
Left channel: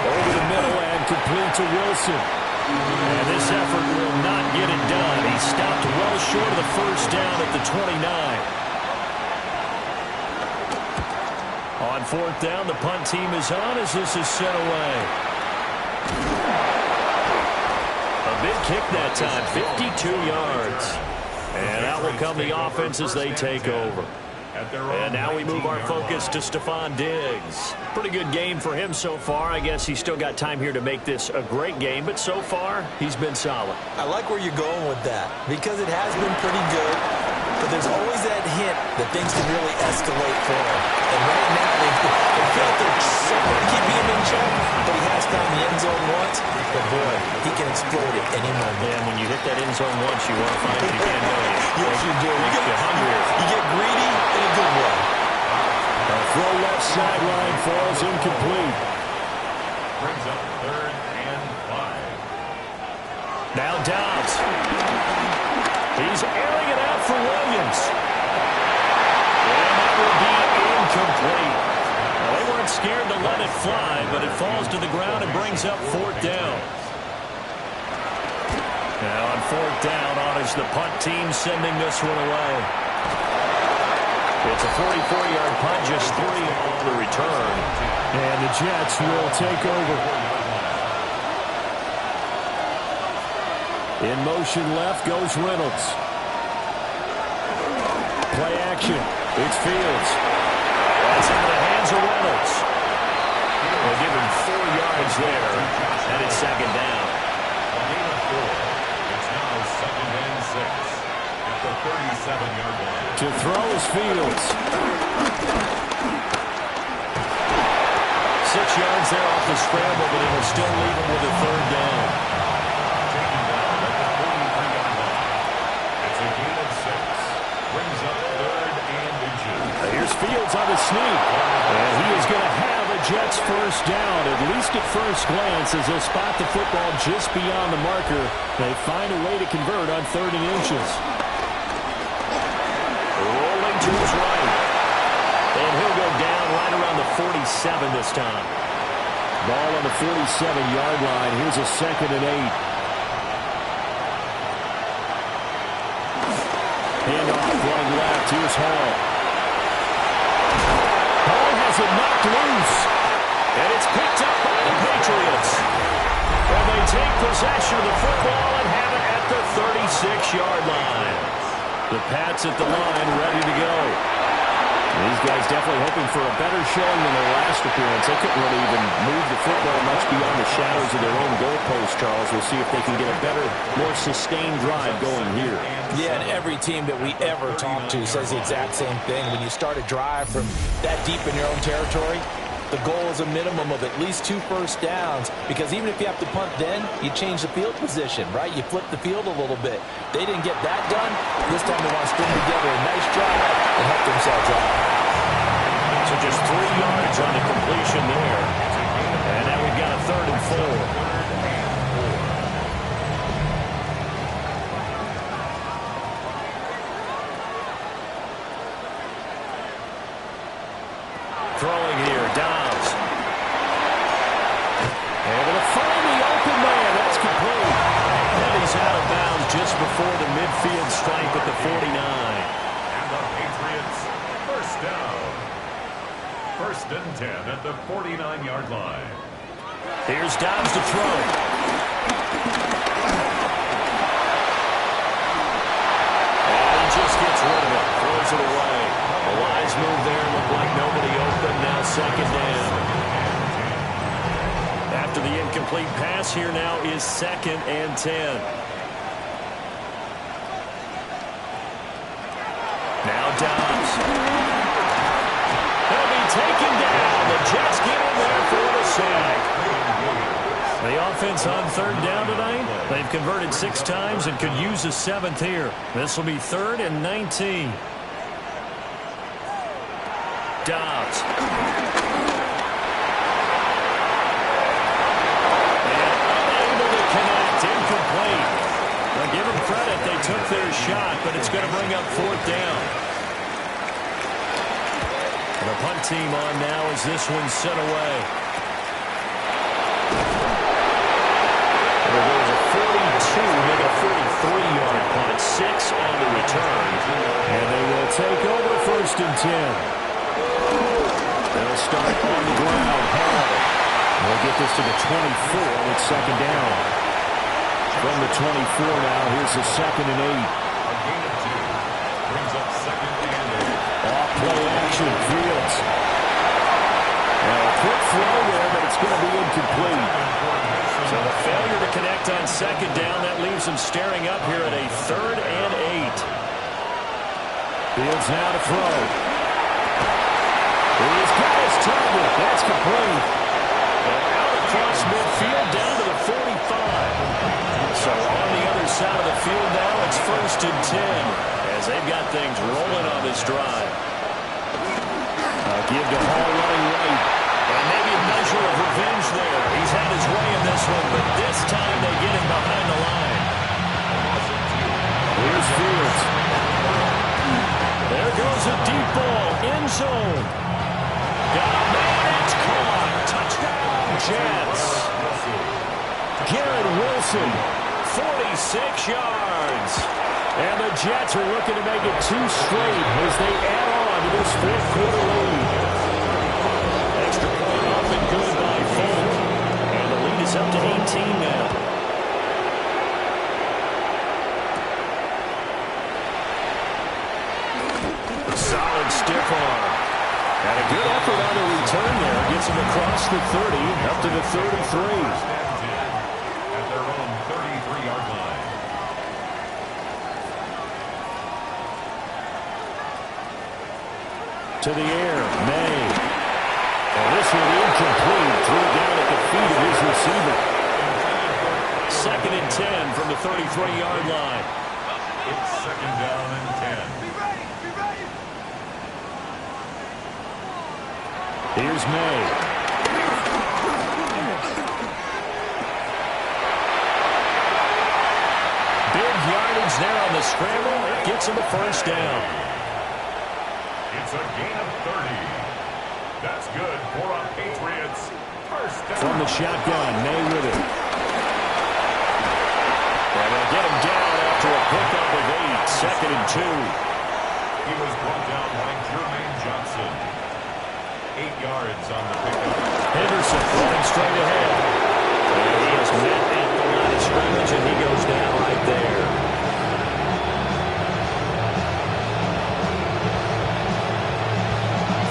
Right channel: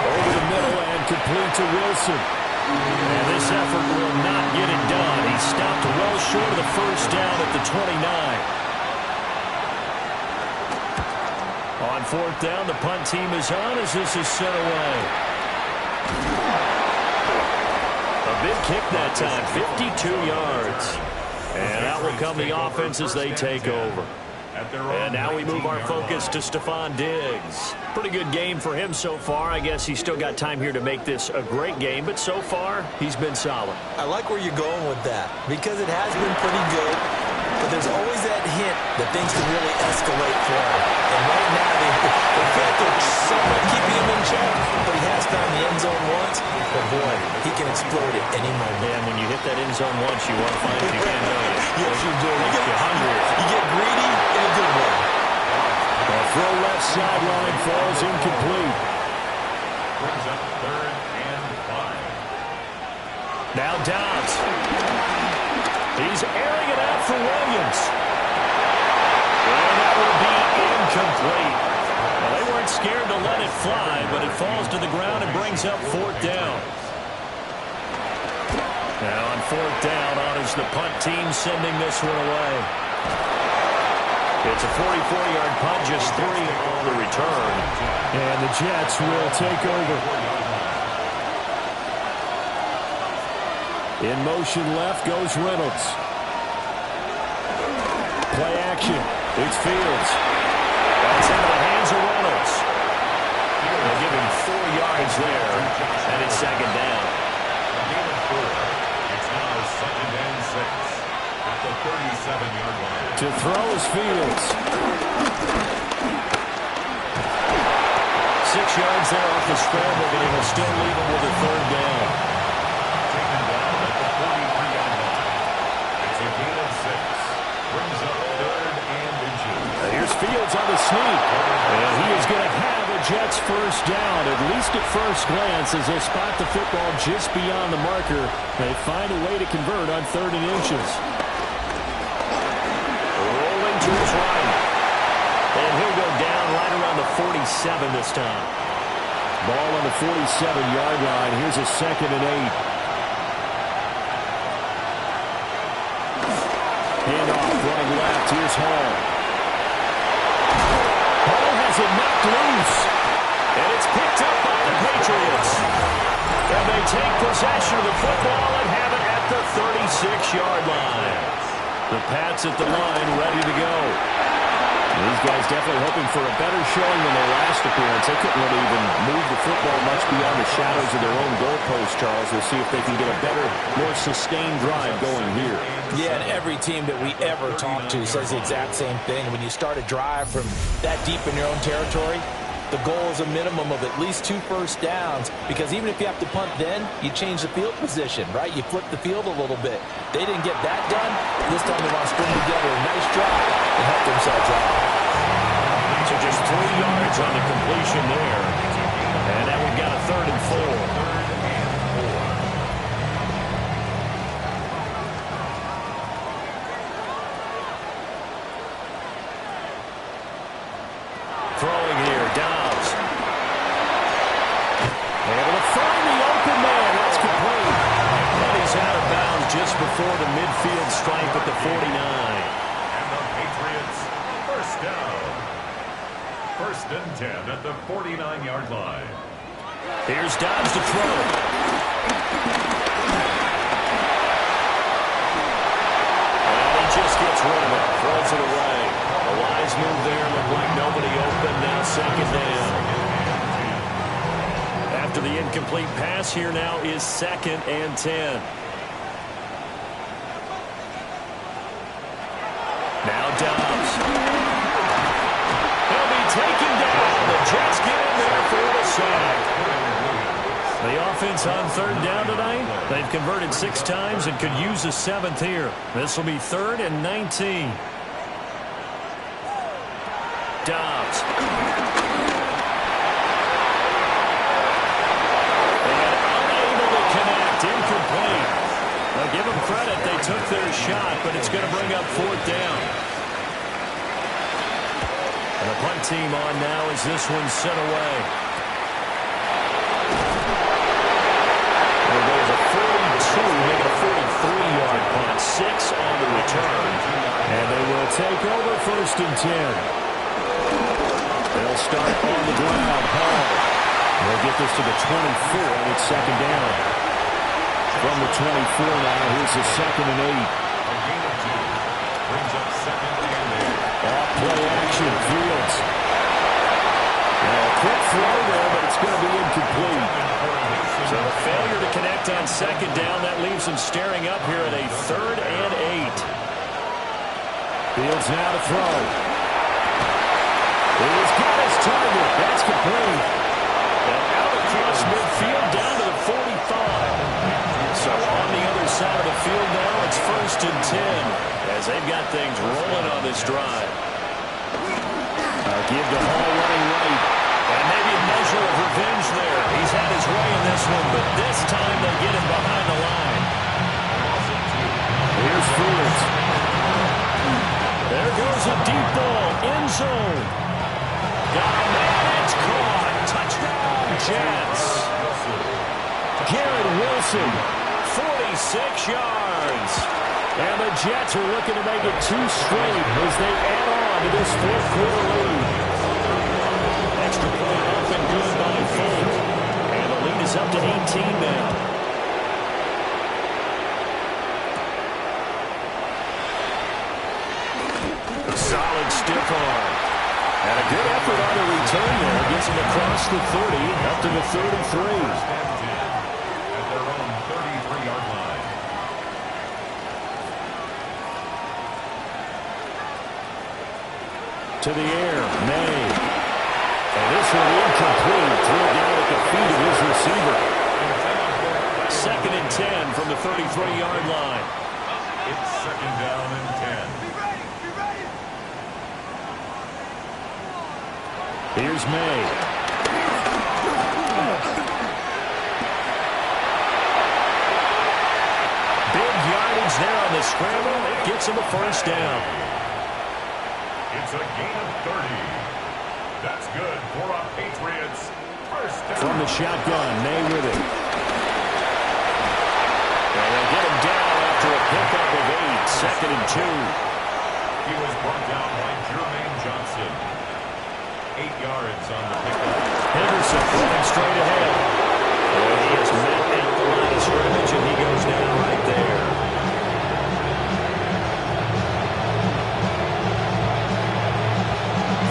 Over the middle and complete to Wilson. And this effort will not get it done. He stopped well short of the first down at the 29. On 4th down, the punt team is on as this is sent away. A big kick that time, 52 yards. And out will come the offense as they take over. And now we move our focus to Stephon Diggs. Pretty good game for him so far. I guess he's still got time here to make this a great game, but so far, he's been solid. I like where you're going with that because it has been pretty good, but there's always that hint that things can really escalate for him. And right now, they feel like they're somewhat keeping him in check, but he has found the end zone once. But boy, he can explode at any moment. And when you hit that end zone once, you want to find it again, don't you? Yes, you do. You get hungrier. You get greedy in a good way. A throw left sideline falls incomplete. Brings up 3rd and 5. Now Dobbs. He's airing it out for Williams. And that will be incomplete. Well, they weren't scared to let it fly, but it falls to the ground and brings up 4th down. Now on 4th down, on is the punt team sending this one away. It's a 44-yard punt, just 3 on the return. And the Jets will take over. In motion left goes Reynolds. Play action. It's Fields. That's into the hands of Reynolds. They'll give him 4 yards there, and it's second down. A gain of 4. It's now 2nd and 6 at the 37-yard line. To throw is Fields. 6 yards there off the scramble, but it will still leave him with a 3rd down. Taken down at the 43-yard line. It's a gain of 6. Fields on the sneak. And he is going to have a Jets first down, at least at first glance, as they'll spot the football just beyond the marker. They find a way to convert on 3rd and inches. Rolling to his right. And he'll go down right around the 47 this time. Ball on the 47-yard line. Here's a 2nd and 8. Handoff running left. Here's Hall. Hall has it knocked loose. And it's picked up by the Patriots. And they take possession of the football and have it at the 36-yard line. The Pats at the line, ready to go. These guys definitely hoping for a better showing than their last appearance. They couldn't really even move the football much beyond the shadows of their own goalpost, Charles. We'll see if they can get a better, more sustained drive going here. Yeah, and every team that we ever talk to says the exact same thing. When you start a drive from that deep in your own territory, the goal is a minimum of at least 2 first downs, because even if you have to punt then, you change the field position, right? You flip the field a little bit. They didn't get that done. This time they want to string together a nice drive and help themselves out. So just 3 yards on the completion there. And now we've got a 3rd and 4. Throwing here, Dobbs. Able to find the open man. That's complete. And he's out of bounds just before the midfield stripe at the 49. And the Patriots, first down. 1st and 10 at the 49-yard line. Here's Dobbs to throw. And he just gets rid of it. Throws it away. A wise move there. Looked like nobody open. Now 2nd down. After the incomplete pass, here now is 2nd and 10. Now Dobbs. He'll be taken down. The Jets get in there for the sack. The offense on 3rd down tonight. They've converted 6 times and could use a 7th here. This will be 3rd and 19. Dobbs. And unable to connect. Incomplete. Now give them credit. They took their shot, but it's going to bring up 4th down. And the punt team on now as this one's sent away. There goes a 42, make it a 43-yard punt. 6 on the return. And they will take over 1st and 10. They'll start on the ground. Hall. They'll get this to the 24, and it's 2nd down. From the 24 now, here's the 2nd and 8. A gain of 2 brings up 2nd and 8. Off play action, Fields. Now a quick throw there, but it's going to be incomplete. So the failure to connect on 2nd down, that leaves them staring up here at a 3rd and 8. Fields now to throw. He's got his target. That's complete. And out across midfield down to the 45. So on the other side of the field now, it's 1st and 10 as they've got things rolling on this drive. Give to Hall running right. And maybe a measure of revenge there. He's had his way in this one, but this time they get him behind the line. Here's Fields. There goes a deep ball. End zone. Got a man. It's caught. Touchdown, Jets. Garrett Wilson. 46 yards. And the Jets are looking to make it 2 straight as they add on to this 4th quarter lead. Extra point up and good by Folk. And the lead is up to 18 now. Solid stiff arm. And a good effort on the return there. Gets him across the 30, up to the 33. At their own 33-yard line. To the air, May. And this one incomplete. Threw it down at the feet of his receiver. 2nd and 10 from the 33-yard line. It's 2nd down and 10. Here's May. Big yardage there on the scramble. It gets him a first down. It's a gain of 30. That's good for a Patriots first down. From the shotgun, May with it. And they'll get him down after a pickup of 8, 2nd and 2. He was brought down by Jermaine Johnson. 8 yards on the pickup. Henderson running straight ahead. And he is met at the line of scrimmage, and he goes down right there.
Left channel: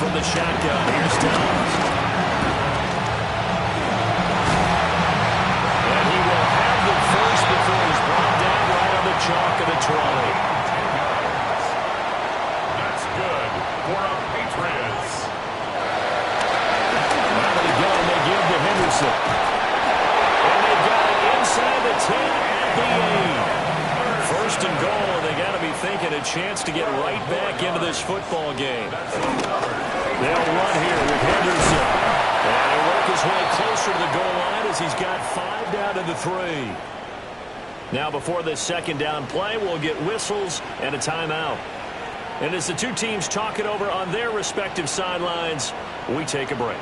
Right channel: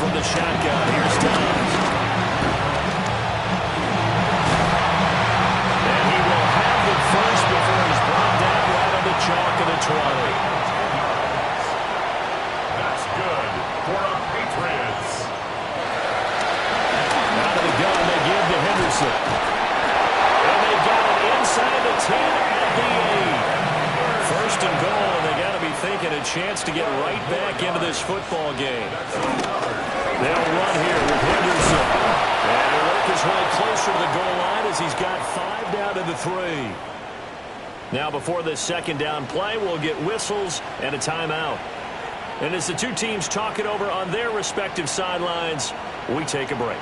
From the shotgun, here's Dobbs. And he will have the first before he's brought down right on the chalk of the 20. 10 yards. That's good for a Patriots. Out of the gun, they give to Henderson. And they've got it inside the 10 at the 8. First and goal, and they got to be thinking a chance to get right back into this football game. They'll run here with Henderson. And he'll work his way closer to the goal line as he's got 5 down to the 3. Now before this second down play, we'll get whistles and a timeout. And as the two teams talk it over on their respective sidelines, we take a break.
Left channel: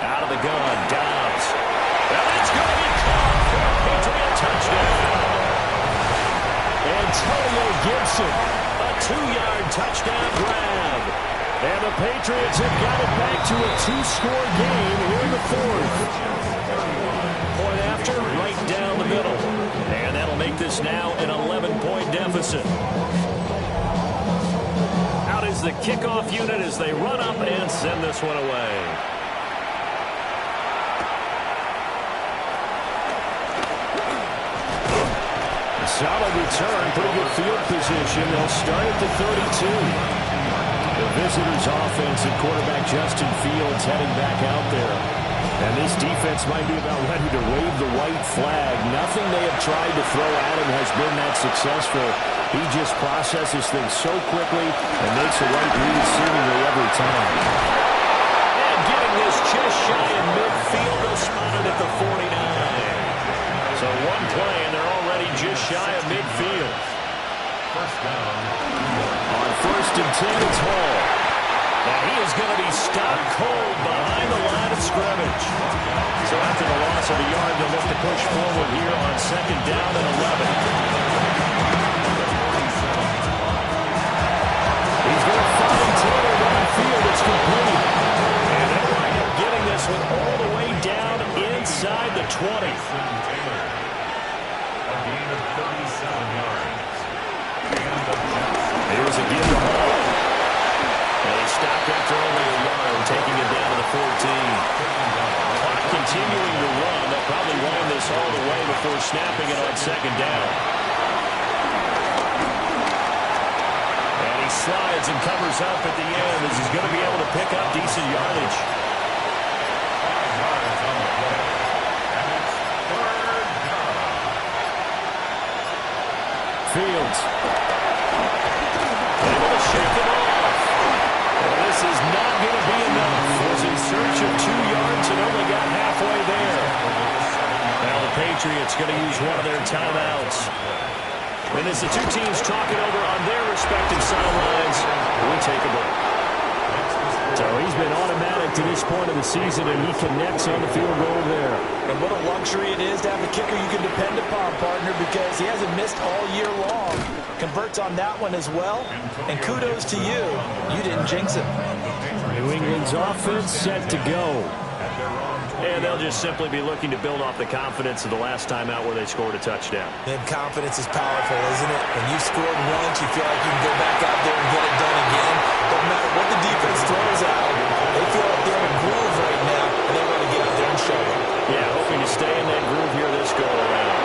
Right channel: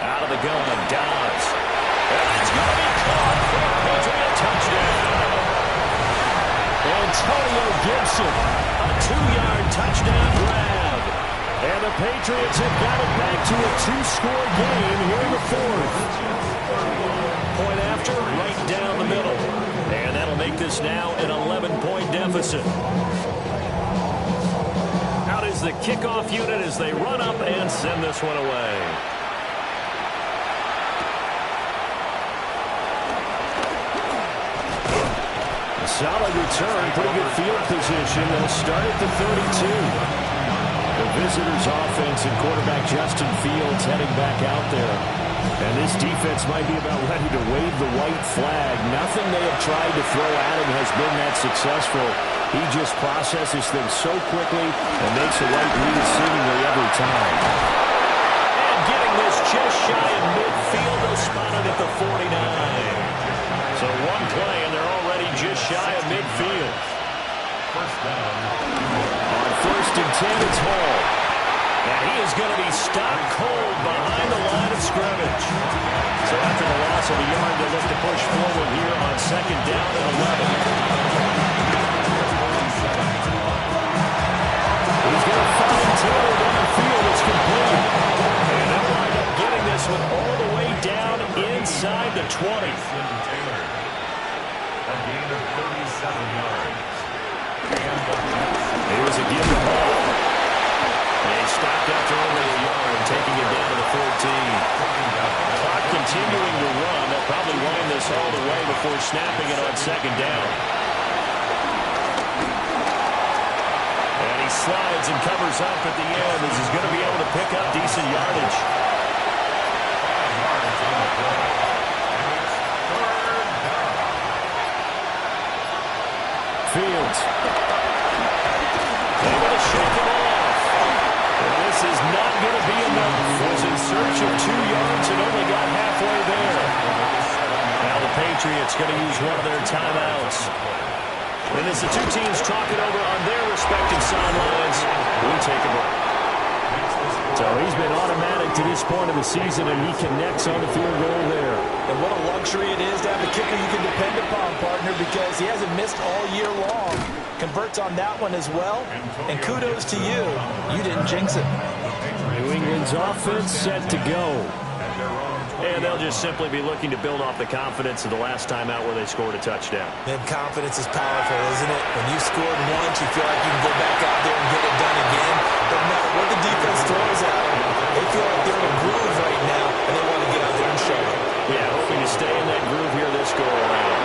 Out of the gun, Dobbs. And it's going to be caught for a Patriot touchdown. Antonio Gibson, a 2-yard touchdown grab. And the Patriots have got it back to a 2-score game here in the 4th. Point after, right down the middle. And that'll make this now an 11-point deficit. Out is the kickoff unit as they run up and send this one away. Solid return, pretty good field position. They'll start at the 32. The visitors' offense and quarterback Justin Fields heading back out there. And this defense might be about ready to wave the white flag. Nothing they have tried to throw at him has been that successful. He just processes things so quickly and makes the right read seemingly every time. And getting this just shy of midfield, they'll spot it at the 49. So one play, and they're already just shy of midfield. First down. On 1st and 10, it's Hall. And he is going to be stopped cold behind the line of scrimmage. So after the loss of a yard, they'll look to push forward here on 2nd down and 11. He's going to find Taylor downfield. It's complete. And they'll wind up getting this one all the way down inside the 20. Taylor. A gain of 37 yards. Here's a give to Hall. And he stopped after only a yard, taking it down to the 14. Clock continuing to run. They'll probably wind this all the way before snapping it on 2nd down. And he slides and covers up at the end as he's going to be able to pick up decent yardage. 5 yards on the play. And it's 3rd down. Fields. Able to shake him off. Well, this is not going to be enough. Was in search of 2 yards and only got halfway there. Now the Patriots going to use one of their timeouts. And as the two teams talk it over on their respective sidelines, we take a break. So he's been automatic to this point of the season, and he connects on the field goal there. And what a luxury it is to have a kicker you can depend upon, partner, because he hasn't missed all year long. Converts on that one as well, and kudos to you. You didn't jinx it. New England's offense set to go. And they'll just simply be looking to build off the confidence of the last time out where they scored a touchdown. And confidence is powerful, isn't it? When you scored once, you feel like you can go back out there and get it done again. Doesn't matter what the defense throws at them. They feel like they're in a groove right now, and they want to get out there and show it. Yeah, hoping to stay in that groove here this go-around.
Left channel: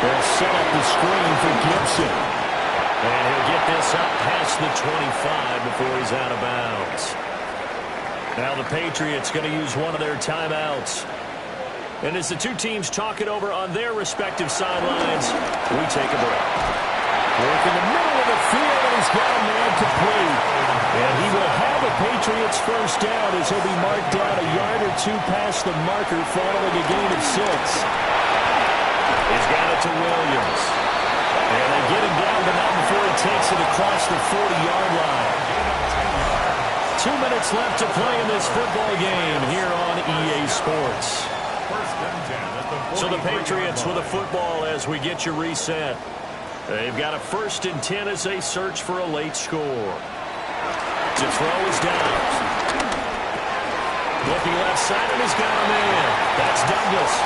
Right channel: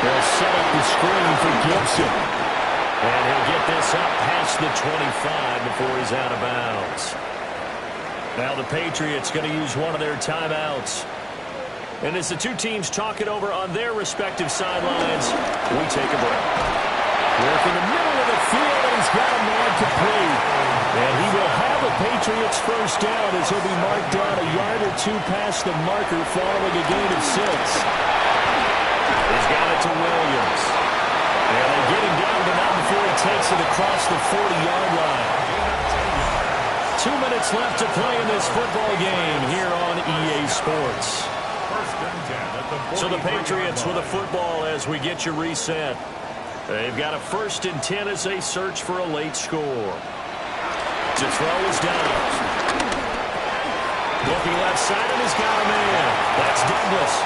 They'll set up the screen for Gibson. And he'll get this up past the 25 before he's out of bounds. Now the Patriots going to use one of their timeouts. And as the two teams talk it over on their respective sidelines, we take a break. Work in the middle of the field, and he's got a man complete. And he will have a Patriots first down as he'll be marked down a yard or two past the marker following a gain of 6. He's got it to Williams. And they get him down, but not before he takes it across the 40-yard line. 2 minutes left to play in this football game here on EA Sports. So the Patriots with a football as we get you reset. They've got a 1st and 10 as they search for a late score. To throw is Downs. Looking left side, and he's got a man. That's Douglas.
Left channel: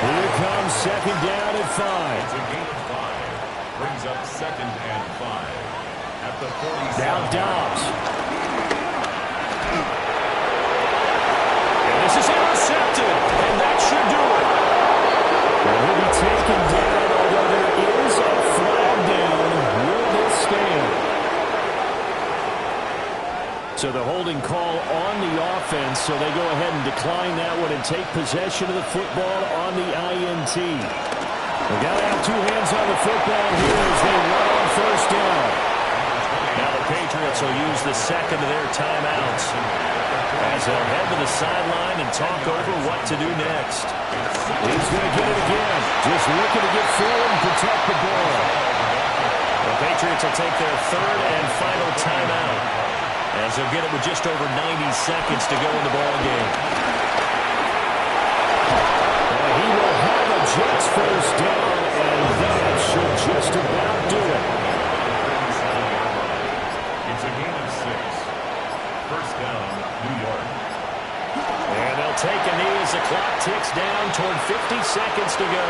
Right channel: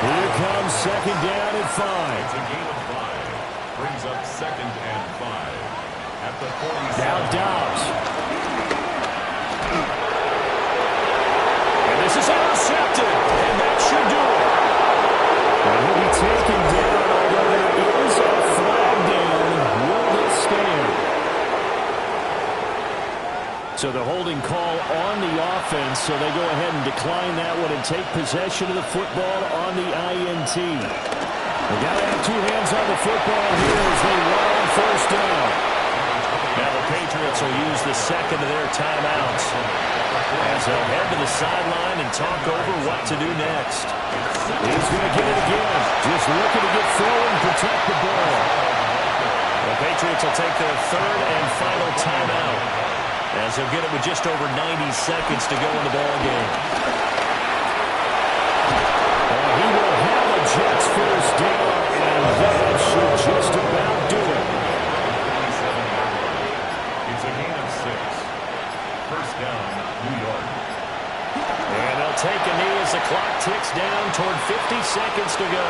Here comes 2nd down and 5. It's a gain of 5. Brings up 2nd and 5. At the 47. Now Dobbs. And this is intercepted, and that should do it. And he'll be taken down, although there is a flag down. Will this stand? So the holding call on the offense, so they go ahead and decline that one and take possession of the football on the INT. They got to have 2 hands on the football here as they run on 1st down. Now the Patriots will use the 2nd of their timeouts as they'll head to the sideline and talk over what to do next. He's going to get it again. Just looking to get forward and protect the ball. The Patriots will take their 3rd and final timeout as they'll get it with just over 90 seconds to go in the ball game. And he will have a Jets first down, and that should just about do it. It's a gain of 6. First down, New York. And they'll take a knee as the clock ticks down toward 50 seconds to go.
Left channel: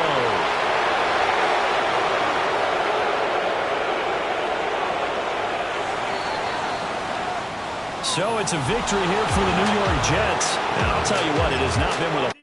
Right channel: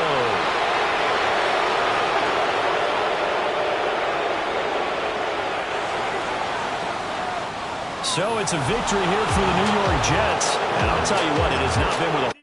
So it's a victory here for the New York Jets. And I'll tell you what, it has not been with a